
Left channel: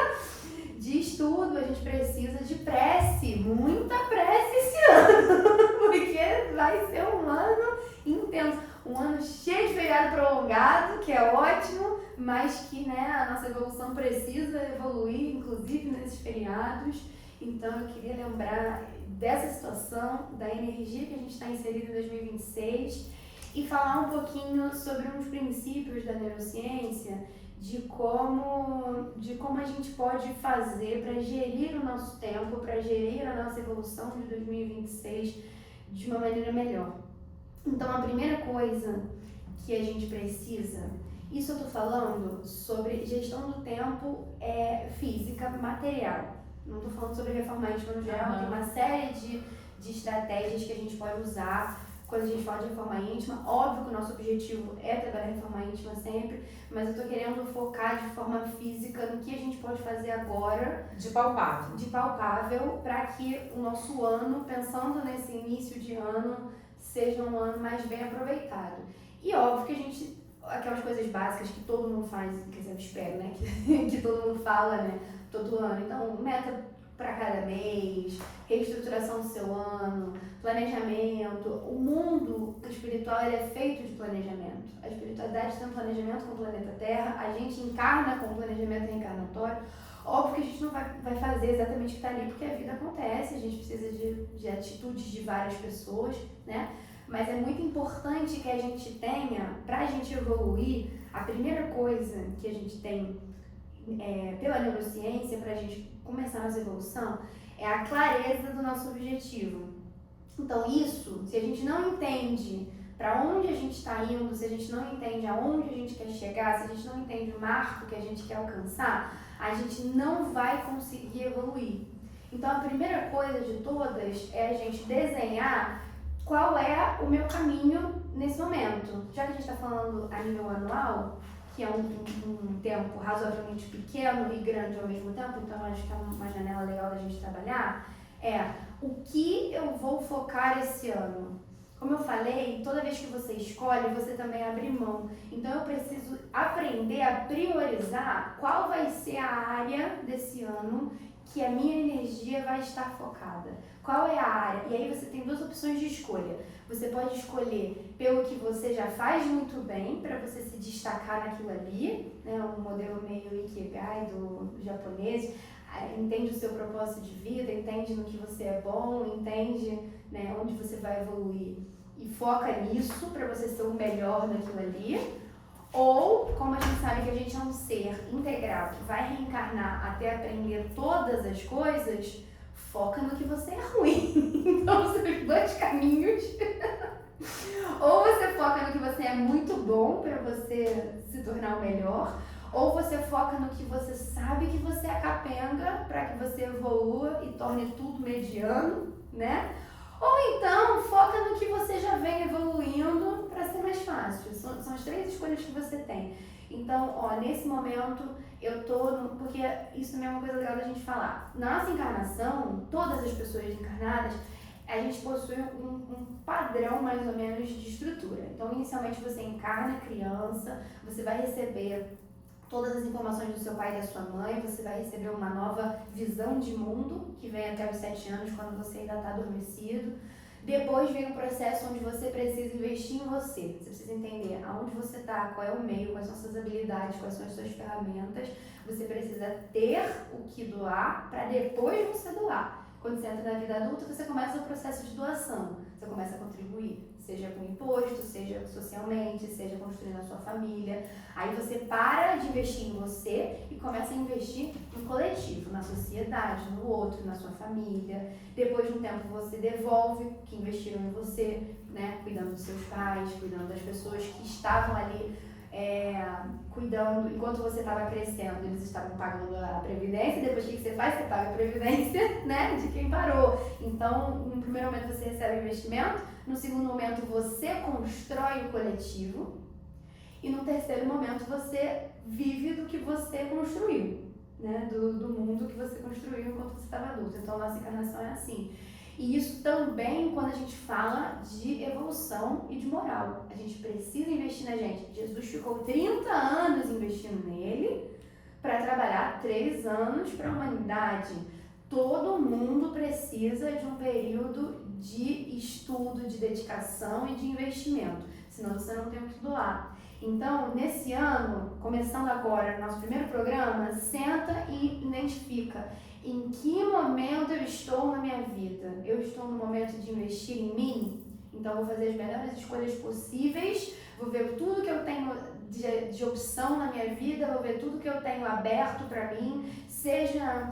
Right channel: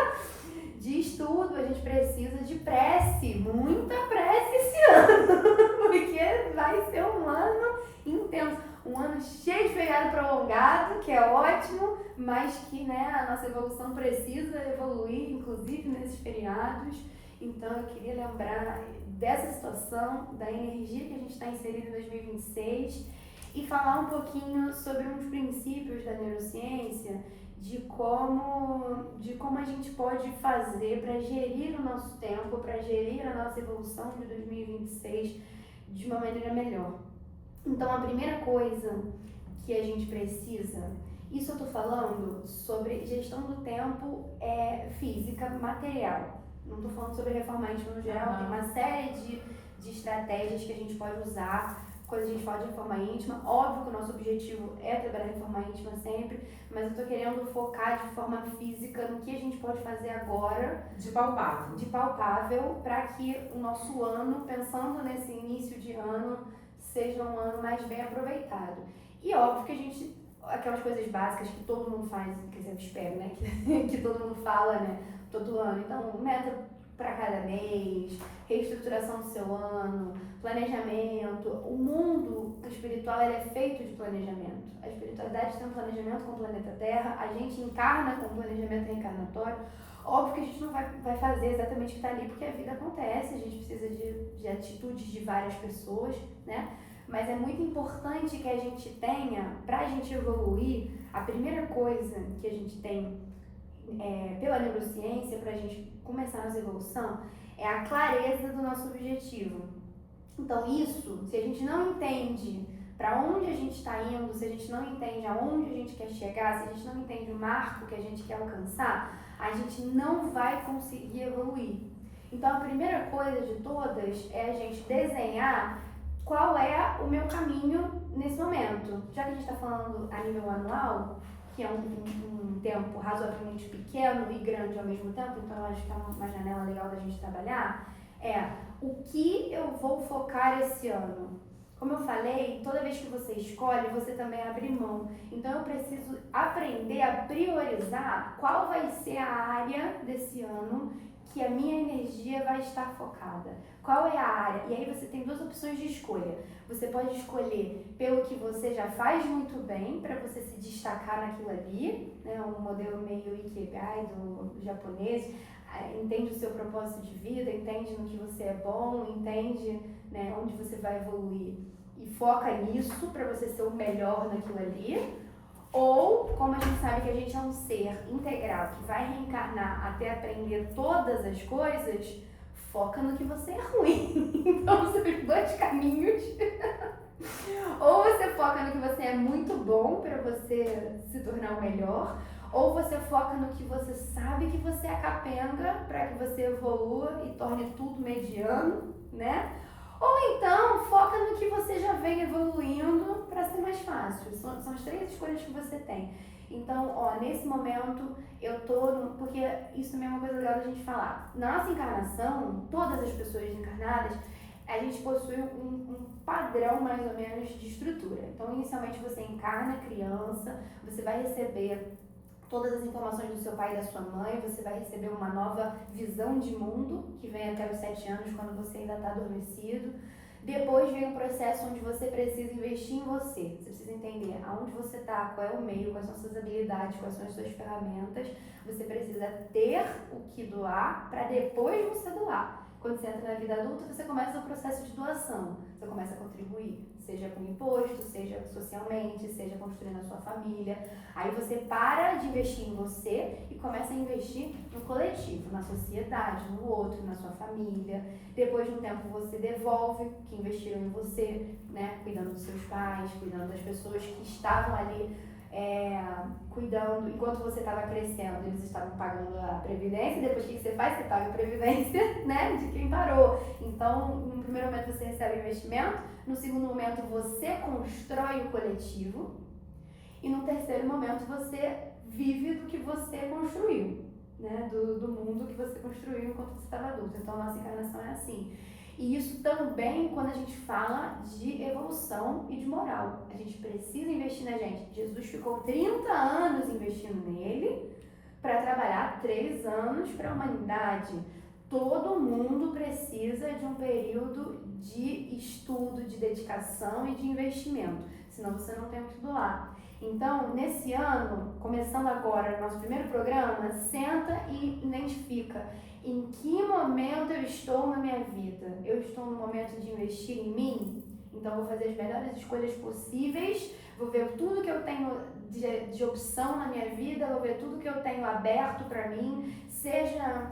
de estudo, a gente precisa de prece, muita prece esse ano, porque vai ser um ano intenso. Um ano cheio de feriado prolongado, que é ótimo, mas que, né, a nossa evolução precisa evoluir, inclusive nesses feriados. Então eu queria lembrar dessa situação, da energia que a gente está inserido em 2026 e falar um pouquinho sobre uns princípios da neurociência, de como a gente pode fazer para gerir o nosso tempo, para gerir a nossa evolução de 2026 de uma maneira melhor. Então, a primeira coisa que a gente precisa, isso eu tô falando sobre gestão do tempo física, material. Não tô falando sobre reforma íntima no geral, tem uma série de estratégias que a gente pode usar quando a gente fala de reforma íntima. Óbvio que o nosso objetivo é trabalhar reforma íntima sempre, mas eu tô querendo focar de forma física no que a gente pode fazer agora. De palpável. De palpável, para que o nosso ano, pensando nesse início de ano, seja um ano mais bem aproveitado. E óbvio que a gente, aquelas coisas básicas que todo mundo faz, quer dizer, eu espero, né, que todo mundo fala, né, todo ano. Então, meta para cada mês, reestruturação do seu ano, planejamento. O mundo espiritual ele é feito de planejamento. A espiritualidade tem um planejamento com o planeta Terra, a gente encarna com o planejamento reencarnatório. Óbvio que a gente não vai fazer exatamente o que está ali, porque a vida acontece, a gente precisa de atitudes de várias pessoas, né? Mas é muito importante que a gente tenha, para a gente evoluir, a primeira coisa que a gente tem pela neurociência, para a gente começar a nossa evolução, é a clareza do nosso objetivo. Então isso, se a gente não entende para onde a gente está indo, se a gente não entende aonde a gente quer chegar, se a gente não entende o marco que a gente quer alcançar, a gente não vai conseguir evoluir. Então a primeira coisa de todas é a gente desenhar qual é o meu caminho nesse momento. Já que a gente está falando a nível anual, que é um tempo razoavelmente pequeno e grande ao mesmo tempo, então acho que é uma janela legal da gente trabalhar, o que eu vou focar esse ano. Como eu falei, toda vez que você escolhe, você também abre mão. Então eu preciso aprender a priorizar qual vai ser a área desse ano que a minha energia vai estar focada. Qual é a área? E aí você tem duas opções de escolha. Você pode escolher pelo que você já faz muito bem, para você se destacar naquilo ali, né? Um modelo meio Ikigai do japonês. Entende o seu propósito de vida, entende no que você é bom, entende, né, onde você vai evoluir e foca nisso para você ser o melhor naquilo ali. Ou, como a gente sabe que a gente é um ser integral que vai reencarnar até aprender todas as coisas, foca no que você é ruim. Então, são os dois caminhos. Ou você foca no que você é muito bom para você se tornar o melhor, ou você foca no que você sabe que você é capenga para que você evolua e torne tudo mediano, né? Ou então, foca no que você já vem evoluindo para ser mais fácil. São as 3 escolhas que você tem. Então, ó, nesse momento, porque isso também é uma coisa legal da gente falar. Na nossa encarnação, todas as pessoas encarnadas, a gente possui um padrão mais ou menos de estrutura. Então, inicialmente você encarna criança, você vai receber todas as informações do seu pai e da sua mãe, você vai receber uma nova visão de mundo, que vem até os 7 anos, quando você ainda está adormecido. Depois vem um processo onde você precisa investir em você. Você precisa entender aonde você está, qual é o meio, quais são as suas habilidades, quais são as suas ferramentas. Você precisa ter o que doar para depois você doar. Quando você entra na vida adulta, você começa o processo de doação. Você começa a contribuir, seja com imposto, seja socialmente, seja construindo a sua família. Aí você para de investir em você e começa a investir no coletivo, na sociedade, no outro, na sua família. Depois de um tempo você devolve o que investiram em você, né? Cuidando dos seus pais, cuidando das pessoas que estavam ali cuidando, enquanto você estava crescendo, eles estavam pagando a previdência. Depois o que você faz? Você paga a previdência, né, de quem parou. Então, no primeiro momento você recebe o investimento, no segundo momento você constrói o coletivo e no terceiro momento você vive do que você construiu, né, do mundo que você construiu enquanto você estava adulto. Então, a nossa encarnação é assim. E isso também quando a gente fala de evolução e de moral. A gente precisa investir na gente. Jesus ficou 30 anos investindo nele para trabalhar 3 anos para a humanidade. Todo mundo precisa de um período de estudo, de dedicação e de investimento. Senão você não tem o que doar. Então, nesse ano, começando agora nosso primeiro programa, senta e identifica em que momento eu estou na minha vida. Eu estou no momento de investir em mim? Então, vou fazer as melhores escolhas possíveis, vou ver tudo que eu tenho de opção na minha vida, vou ver tudo que eu tenho aberto para mim, seja...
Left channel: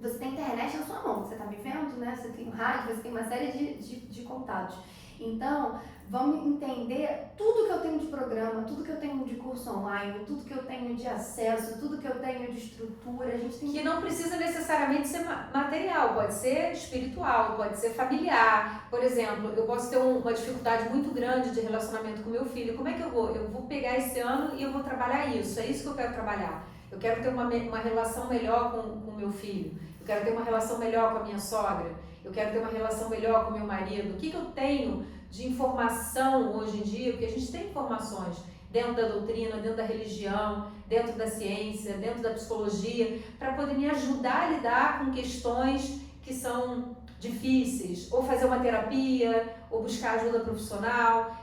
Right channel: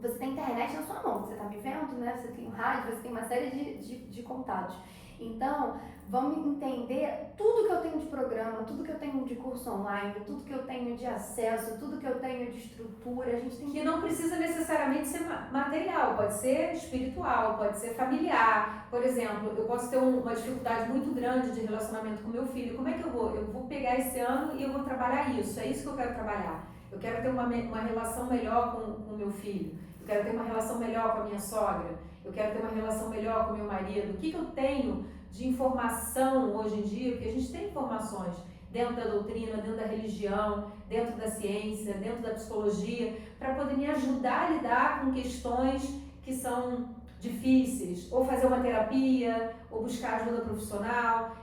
Você tem internet na sua mão, você está me vendo, né? Você tem um rádio, você tem uma série de contatos. Então, vamos entender tudo que eu tenho de programa, tudo que eu tenho de curso online, tudo que eu tenho de acesso, tudo que eu tenho de estrutura. A gente tem que não precisa necessariamente ser material, pode ser espiritual, pode ser familiar. Por exemplo, eu posso ter uma dificuldade muito grande de relacionamento com meu filho. Como é que eu vou? Eu vou pegar esse ano e eu vou trabalhar isso. É isso que eu quero trabalhar. Eu quero ter uma relação melhor com o meu filho. Eu quero ter uma relação melhor com a minha sogra. Eu quero ter uma relação melhor com o meu marido. O que eu tenho de informação hoje em dia? Porque a gente tem informações dentro da doutrina, dentro da religião, dentro da ciência, dentro da psicologia, para poder me ajudar a lidar com questões que são difíceis, ou fazer uma terapia, ou buscar ajuda profissional.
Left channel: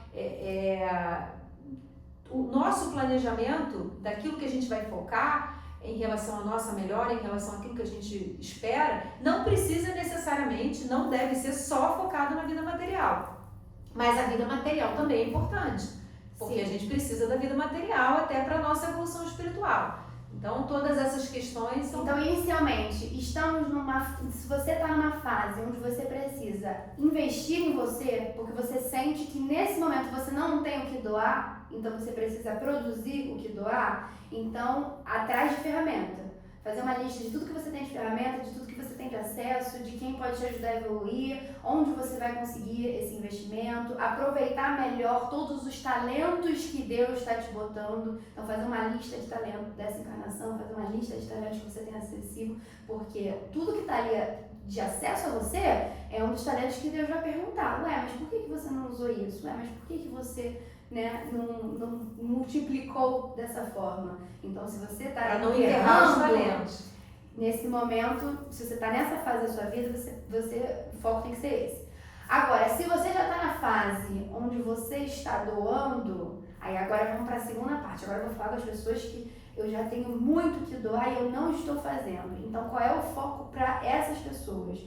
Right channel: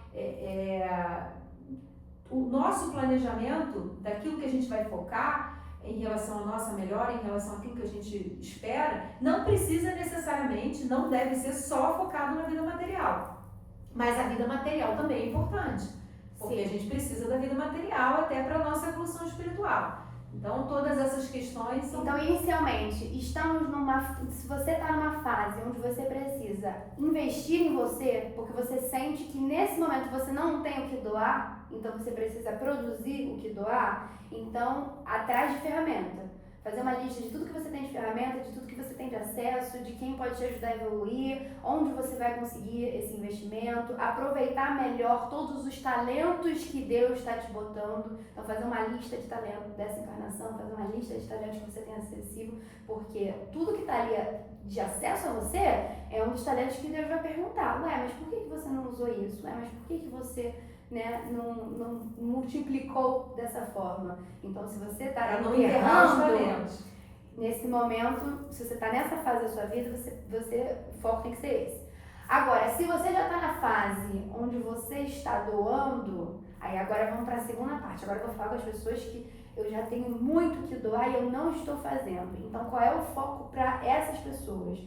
O nosso planejamento daquilo que a gente vai focar em relação à nossa melhora, em relação àquilo que a gente espera, não precisa necessariamente, não deve ser só focado na vida material. Mas a vida material também é importante, porque a gente precisa da vida material até para a nossa evolução espiritual. Então, todas essas questões são... Então, inicialmente, se você está numa fase onde você precisa investir em você, porque você sente que nesse momento você não tem o que doar, então você precisa produzir o que doar, então, atrás de ferramenta. Fazer uma lista de tudo que você tem de ferramenta, de tudo que você tem de acesso, de quem pode te ajudar a evoluir, onde você vai conseguir esse investimento, aproveitar melhor todos os talentos que Deus está te botando. Então, fazer uma lista de talentos dessa encarnação, fazer uma lista de talentos que você tem acessível, porque tudo que está ali de acesso a você é um dos talentos que Deus vai perguntar. Ué, mas por que você não usou isso? Ué, mas por que você... Né, não multiplicou dessa forma? Então, se você está errando nesse momento, se você está nessa fase da sua vida, o foco tem que ser esse. Agora, se você já está na fase onde você está doando, aí agora vamos para a segunda parte. Agora eu vou falar com as pessoas que eu já tenho muito que doar e eu não estou fazendo. Então, qual é o foco para essas pessoas?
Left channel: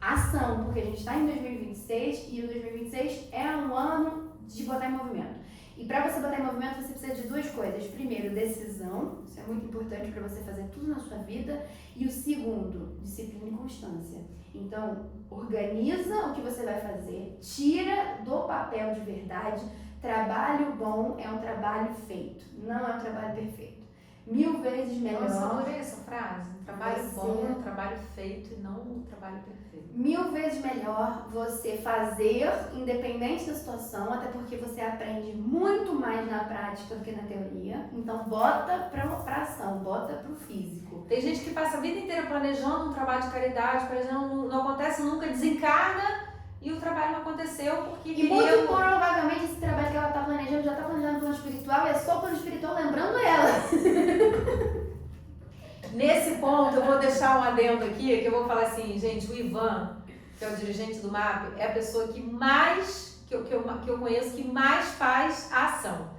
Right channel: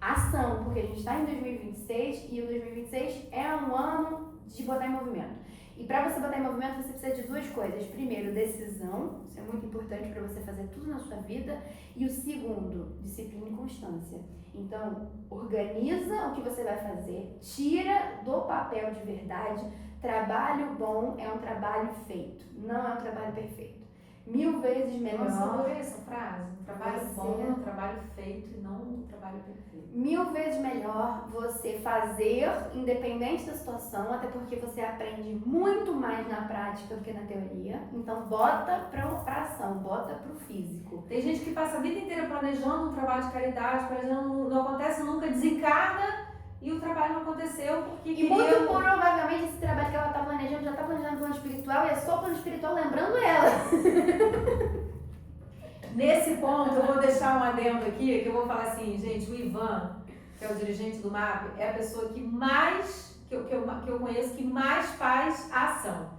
Ação, porque a gente está em 2026 e o 2026 é um ano de botar em movimento. E para você botar em movimento, você precisa de 2 coisas. Primeiro, decisão. Isso é muito importante para você fazer tudo na sua vida. E o segundo, disciplina e constância. Então, organiza o que você vai fazer. Tira do papel de verdade. Trabalho bom é um trabalho feito. Não é um trabalho perfeito. 1000 vezes melhor. Nossa, adorei essa frase. Um trabalho Você- bom, um trabalho feito e não um trabalho perfeito. 1000 vezes melhor você fazer, independente da situação, até porque você aprende muito mais na prática do que na teoria. Então, bota pra ação, bota pro físico. Tem gente que passa a vida inteira planejando um trabalho de caridade, não acontece nunca, desencarna e o trabalho não aconteceu porque E muito provavelmente esse trabalho que ela tá planejando já tá planejando plano espiritual e é só o plano espiritual lembrando ela. Nesse ponto, eu vou deixar um adendo aqui, que eu vou falar assim, gente, o Ivan, que é o dirigente do MAP, é a pessoa que mais, que eu conheço, que mais faz a ação.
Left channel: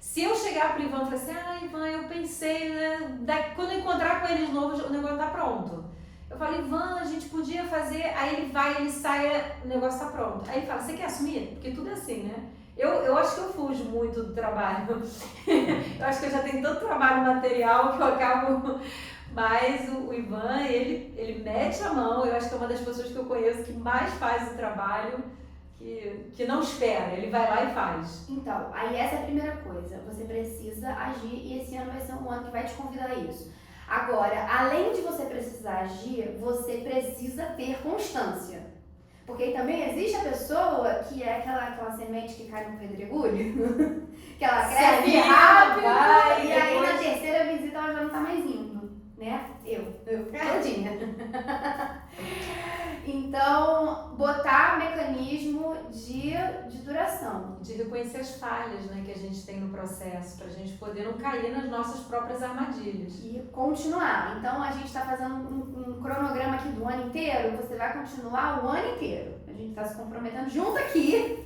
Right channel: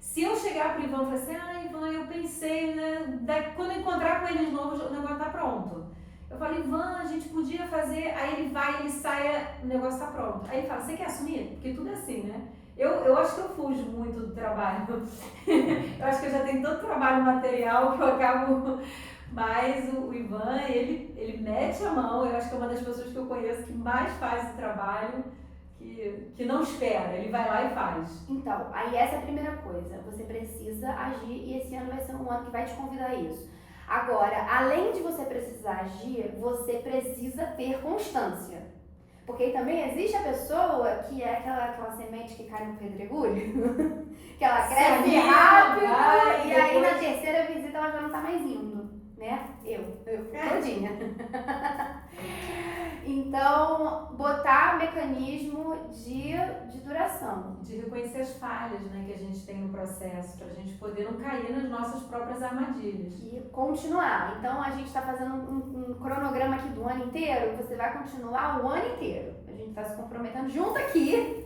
Se eu chegar pro Ivan e falar assim, Ivan, eu pensei, né, quando eu encontrar com ele de novo, o negócio tá pronto. Eu falo, Ivan, a gente podia fazer, aí ele vai, ele sai, o negócio tá pronto. Aí ele fala, você quer assumir? Porque tudo é assim, né? Eu acho que eu fujo muito do trabalho. Eu acho que eu já tenho tanto trabalho material que eu acabo... Mas o Ivan, ele mete a mão, eu acho que é uma das pessoas que eu conheço que mais faz o trabalho, que não espera, ele vai lá e faz. Então, aí essa é a primeira coisa, você precisa agir e esse ano vai ser um ano que vai te convidar a isso. Agora, além de você precisar agir, você precisa ter constância. Porque aí também existe a pessoa que é aquela semente que cai no pedregulho, que ela cresce rápido e aí na terceira visita ela já não tá mais indo. Né? Eu todinha. Então, botar mecanismo de duração. De reconhecer as falhas, né, que a gente tem no processo, pra gente poder não cair nas nossas próprias armadilhas. E continuar. Então, a gente está fazendo um cronograma aqui do ano inteiro, você vai continuar o ano inteiro. A gente está se comprometendo junto aqui.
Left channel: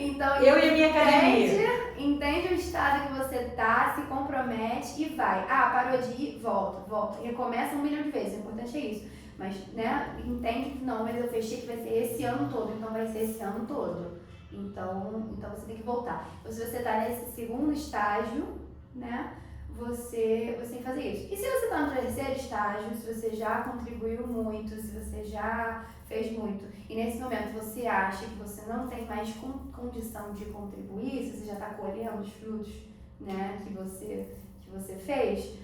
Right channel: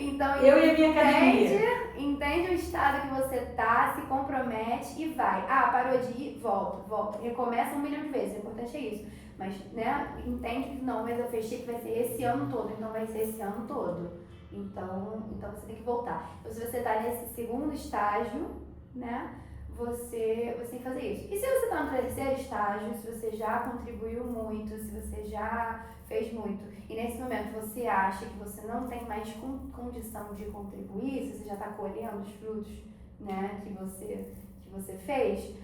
Então, eu e a minha academia. Entende o estado que você tá, se compromete e vai. Parou de ir, volta. Recomeça 1 milhão de vezes, o importante é isso. Mas, né, entende que não, mas eu fechei que vai ser esse ano todo, então vai ser esse ano todo. Então você tem que voltar. Então, se você tá nesse segundo estágio, né, você tem que fazer isso. E se você tá no terceiro estágio, se você já contribuiu muito, se você já fez muito, e nesse momento você acha que você não tem mais condição de contribuir, se você já está colhendo os frutos, né, que você fez,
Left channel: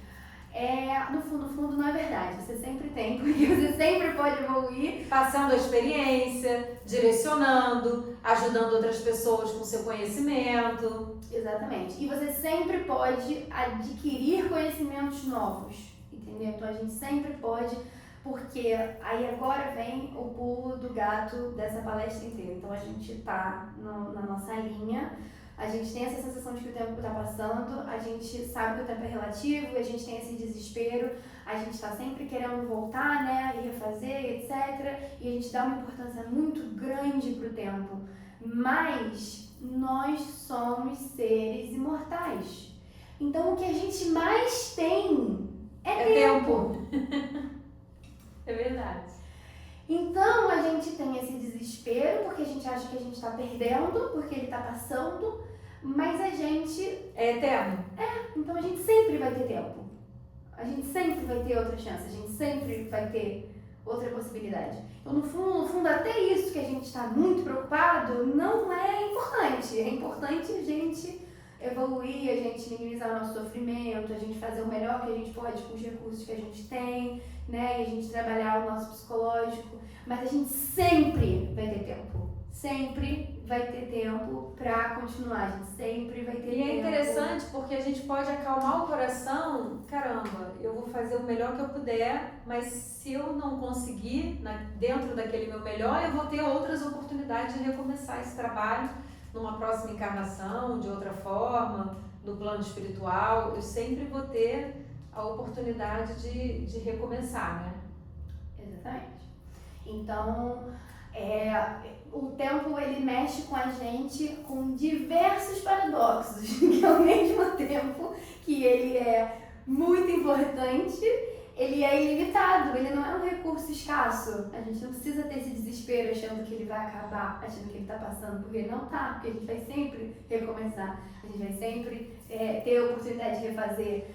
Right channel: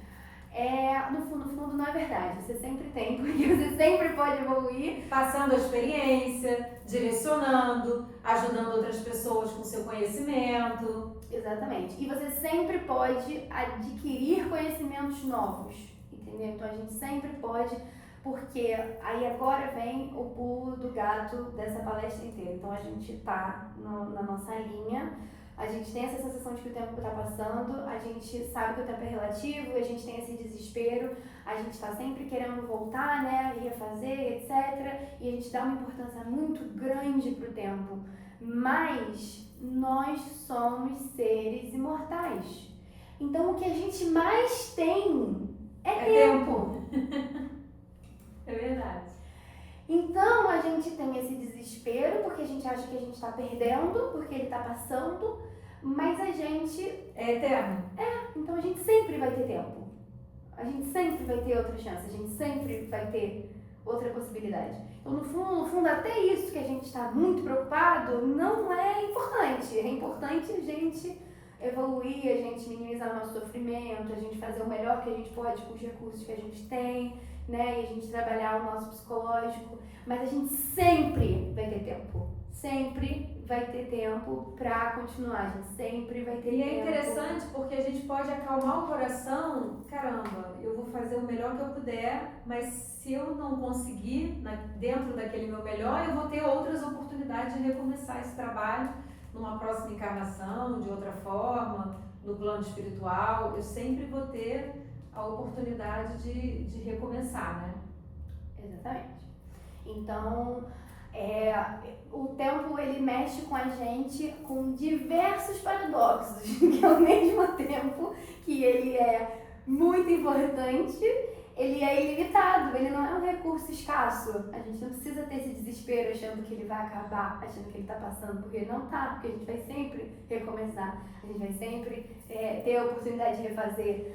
no fundo não é verdade, você sempre tem, porque você sempre pode evoluir. Passando a experiência, direcionando, ajudando outras pessoas com seu conhecimento. Exatamente. E você sempre pode adquirir conhecimentos novos, entendeu? Então a gente sempre pode, porque aí agora vem o pulo do gato dessa palestra inteira. Então a gente tá na nossa linha, a gente tem essa sensação de que o tempo está passando, a gente sabe que o tempo é relativo, a gente tem esse desespero, a gente está sempre querendo voltar, né, e refazer, etc. E a gente dá uma importância muito grande pro tempo. Mas nós somos seres imortais. Então o que a gente mais tem é tempo. É verdade. Então a gente tem esse desespero porque a gente acha que a gente está perdendo, porque ele está passando, mas a gente é eterno. Então a gente sempre vai ter tempo. A gente sempre vai ter outra chance, a gente sempre vai ter outra possibilidade. Então no fundo até isso que a gente está muito preocupado não é importante. É importante a gente evoluir, a gente minimizar o nosso sofrimento, a gente fazer o melhor que a gente pode com os recursos que a gente tem, né? E a gente trabalhar o nosso psicológico, mas a gente sempre vai ter tempo. Sempre vai ter tempo pra continuar, a gente sempre vai ter tempo. E é interessante porque a gente pode acalmar o coração, caramba, eu vou fazer o melhor que eu puder, mas se eu não conseguir, dentro daquele meu melhor, eu vou ter outras oportunidades de recomeçar esse trabalho numa próxima encarnação, de outra forma, no plano espiritual, eu sempre vou ter a oportunidade de recomeçar, né? Exatamente. Então, o tempo ele mexe com a gente com diversos paradoxos, que ao mesmo tempo que ele é muito importante, ele é ilimitado, ele não é um recurso escasso. A gente não precisa ter esse desespero achando que ele vai acabar, achando que ele está passando, porque ele não está, porque a gente vai sempre recomeçar, a gente vai sempre ter a oportunidade de refazer.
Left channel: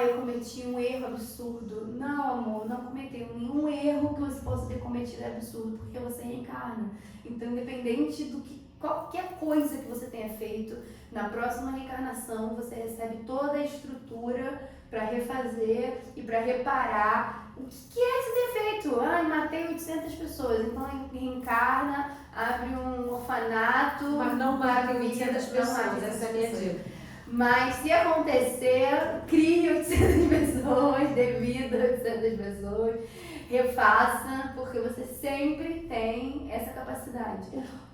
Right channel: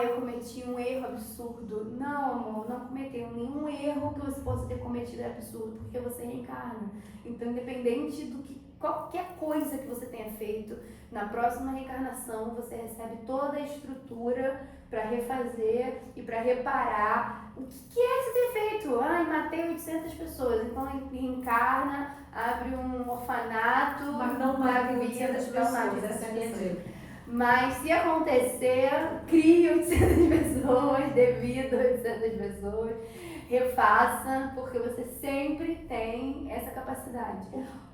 Eu cometi um erro absurdo. Não, amor, não cometeu nenhum erro que você possa ter cometido é absurdo, porque você reencarna. Então, independente do que qualquer coisa que você tenha feito, na próxima reencarnação você recebe toda a estrutura para refazer e para reparar o que é que você tem feito. Matei 800 pessoas, então reencarna, abre um orfanato. Mas não matem 800 pessoas, essa é a minha dica. Mas se acontecer, crie 800 pessoas, devida 800 pessoas, refaça, porque você sempre tem essa capacidade.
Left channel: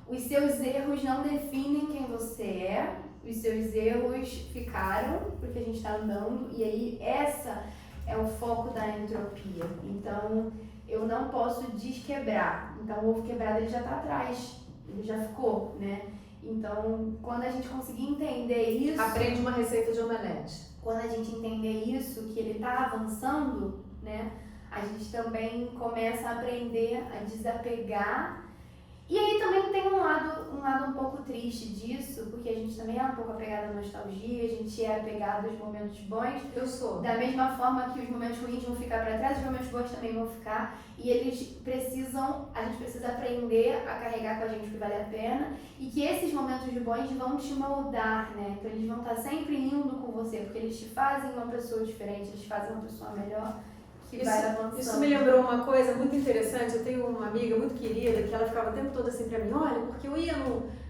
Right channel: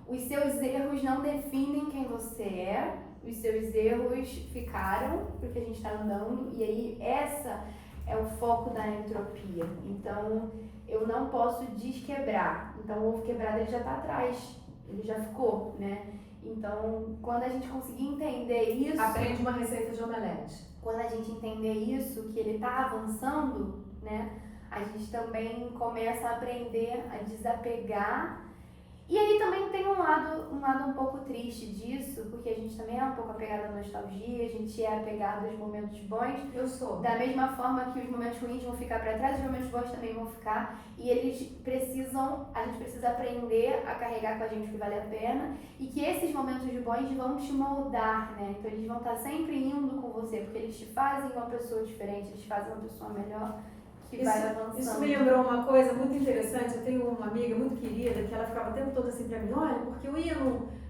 Os seus erros não definem quem você é, os seus erros ficaram porque a gente está andando, e aí essa é o foco da entropia. Então eu não posso desquebrar. Então o ovo quebrado ele já está atrás, ele já ficou, né? Então quando a gente conseguir entender isso, aprende uma receita de omelete. Quando a gente entender isso, que ele está avançando, né? A gente também começa a aprender a desapegar. E aí também tem um lado um pouco triste disso, porque a gente também é um pouco apegado à nostalgia, a gente é apegado aos momentos bons. Eu sou. Da mesma forma que os momentos ruins vão ficar para trás, os momentos bons também vão ficar. E a gente precisa aprender a carregar com a gente o que vale a pena. E que esses momentos bons vão te moldar, né? Então eles vão estar sempre indo com você, porque eles te fazem uma pessoa diferente, eles te fazem uma pessoa melhor. Isso me lembrou uma coisa muito interessante. Eu tenho uma amiga muito querida que ela ficava o tempo todo assim pra mim, olha, porque eu ia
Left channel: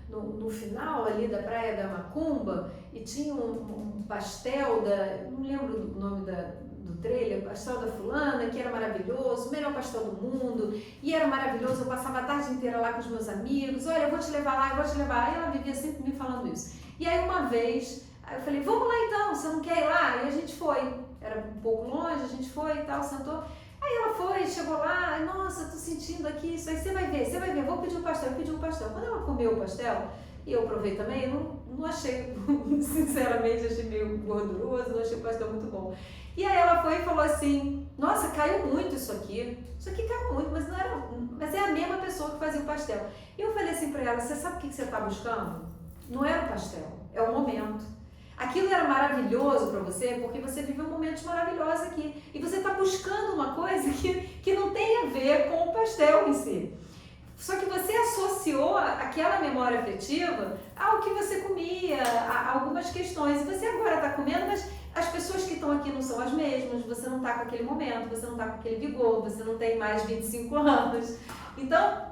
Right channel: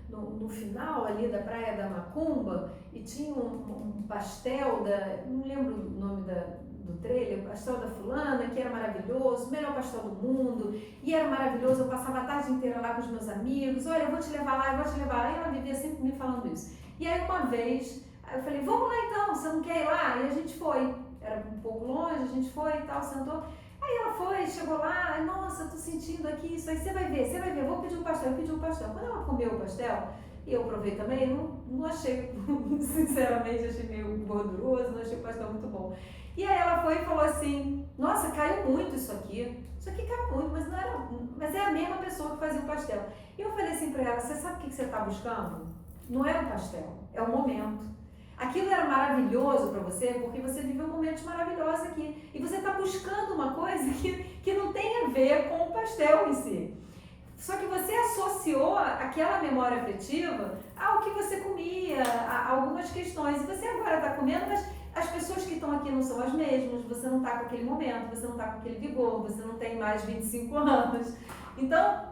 no final ali da Praia da Macumba e tinha um pastel não lembro o nome do trailer, pastel da fulana, que era maravilhoso, o melhor pastel do mundo, e era maravilhoso, eu passava a tarde inteira lá com os meus amigos, olha, eu vou te levar lá, eu vou te levar lá, e ela vivia sempre me falando isso. E aí uma vez, eu falei, vamos lá então, você não quer ir lá? E a gente foi. Era um pouco longe, a gente foi e tal, sentou. Aí ela foi, chegou lá, nossa, tô sentindo aqui isso aí, você vai ver, vou pedir um pastel, eu pedi um pastel. Quando ela comeu o pastel, e eu provei também, eu não achei, sinceramente, achei meio gorduroso, não achei o pastel muito bom. E aí ela foi e falou assim, nossa, caiu muito isso aqui caiu muito, mas é a mesma pessoa que fazia o pastel. E eu falei assim pra ela, você sabe o que você tá buscando? Não era o pastel, é o momento. Aquilo era maravilhoso para você porque você viveu momentos maravilhosos aqui. E você está buscando uma coisa que não tem a ver com o pastel em si. Só que você associou aquela memória afetiva ao que você comia, a algumas questões. E você agora está comendo, mas as pessoas que estão aqui não são as mesmas. Você não está com aquele momento, você não está com aquele vigor, você não tem mais 25 anos. Então,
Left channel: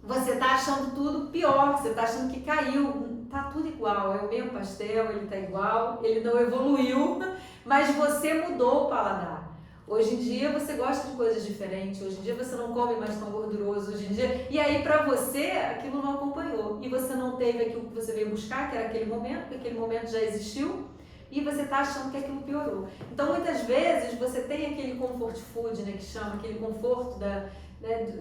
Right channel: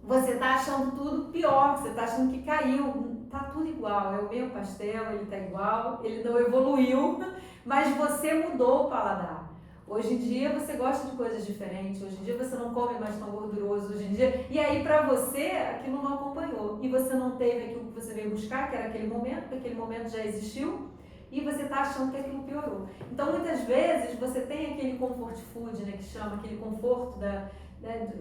você está achando tudo pior, você está achando que caiu. Tá tudo igual, é o mesmo pastel, ele tá igual, ele não evoluiu, mas você mudou o paladar. Hoje em dia você gosta de coisas diferentes, hoje em dia você não come mais tão gorduroso, hoje em dia, e aí pra você aquilo não acompanhou, e você não teve aquilo que você veio buscar, que era aquele momento, porque aquele momento já existiu, e você tá achando que aquilo piorou. Então muitas vezes você tem aquele comfort food, né, que chama, aquele conforto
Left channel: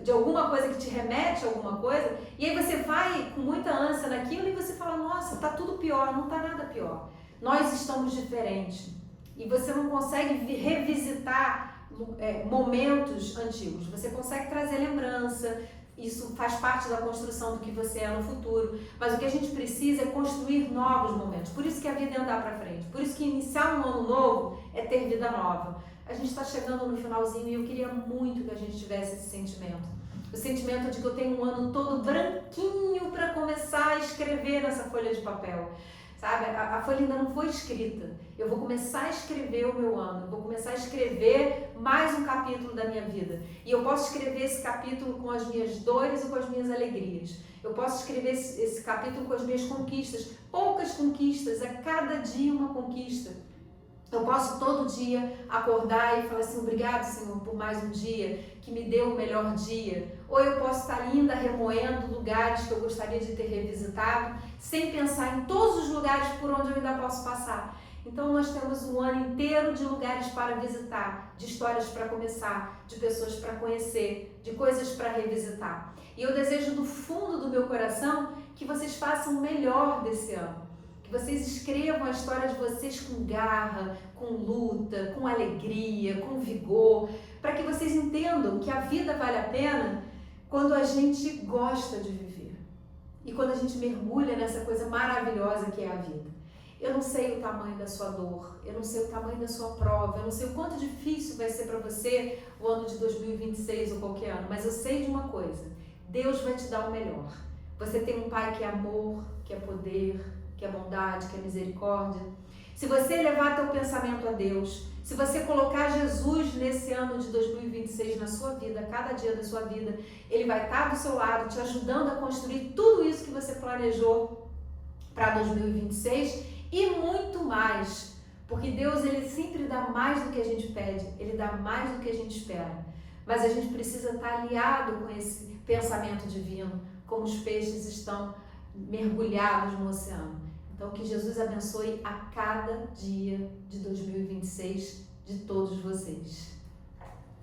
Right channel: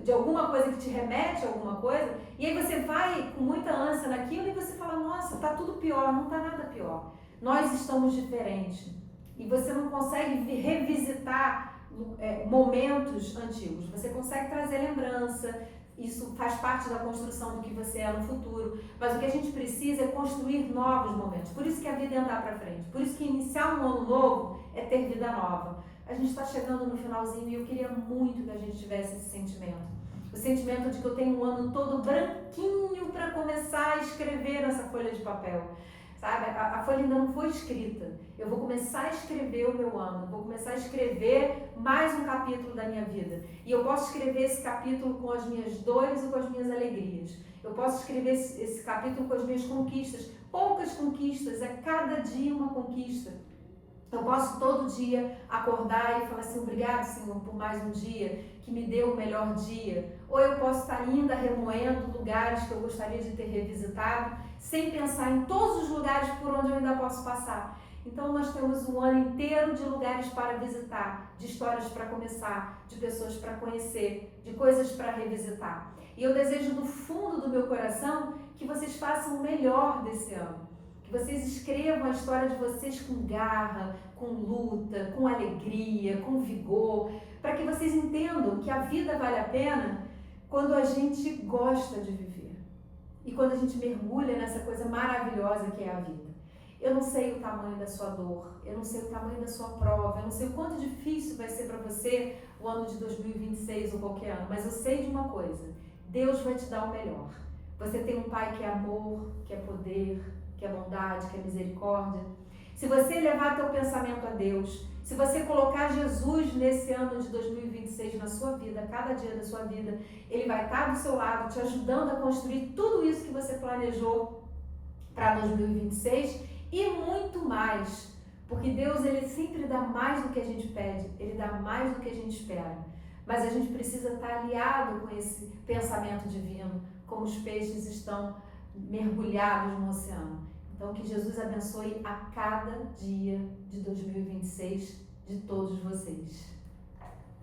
de alguma coisa que te remete a alguma coisa, e aí você vai com muita ânsia naquilo e você fala, nossa, tá tudo pior, não tá nada pior. Nós estamos diferentes. E você não consegue revisitar momentos antigos, você consegue trazer lembrança, isso faz parte da construção do que você é no futuro, mas o que a gente precisa é construir novos momentos. Por isso que a vida é andar para frente, por isso que iniciar um ano novo é ter vida nova. A gente está chegando no finalzinho e eu queria muito que a gente tivesse esse sentimento. O sentimento de que eu tenho um ano todo branquinho para começar a escrever nessa folha de papel. Sabe? A folha ainda não foi escrita. Eu vou começar a escrever o meu ano, eu vou começar a escrever mais um capítulo da minha vida. E eu posso escrever esse capítulo com as minhas dores ou com as minhas alegrias. Eu posso escrever esse capítulo com as minhas conquistas. Poucas conquistas, a cada dia uma conquista. Eu posso todo dia acordar e falar assim, obrigado, Senhor, por mais um dia, que me deu o melhor dia. Ou eu posso estar ainda remoendo lugares que eu gostaria de ter revisitado, sem pensar em todos os lugares por onde eu ainda posso passar. Então nós temos um ano inteiro de lugares para visitar, de histórias para começar, de pessoas para conhecer, de coisas para revisitar. E eu desejo do fundo do meu coração que vocês façam o melhor desse ano. Que vocês escrevam a história de vocês com garra, com luta, com alegria, com vigor, para que vocês entendam que a vida vale a pena quando a gente gosta de viver e quando a gente mergulha nessa coisa maravilhosa que é a vida. Eu não sei o tamanho da sua dor, eu não sei o tamanho da sua prova, eu não sei o quanto difícil vai ser para você o ano de 2026 ou qualquer ano, mas eu sei de uma coisa, Deus vai te dar o melhor. Você tem um Pai que é amor, que é poder, que é bondade, que é misericórdia. Se você levar teu pensamento a Deus, se você colocar Jesus nesse ano de 2026 na sua vida, cada dia da sua vida, Ele vai estar do seu lado, te ajudando a construir tudo isso que você planejou para 2026 e muito mais. Porque Deus, Ele sempre dá mais do que a gente pede, Ele dá mais do que a gente espera. Mas a gente precisa estar aliado com esse pensamento divino, como os peixes estão mergulhados no oceano. Então, que Jesus abençoe a cada dia de 2026 de todos vocês.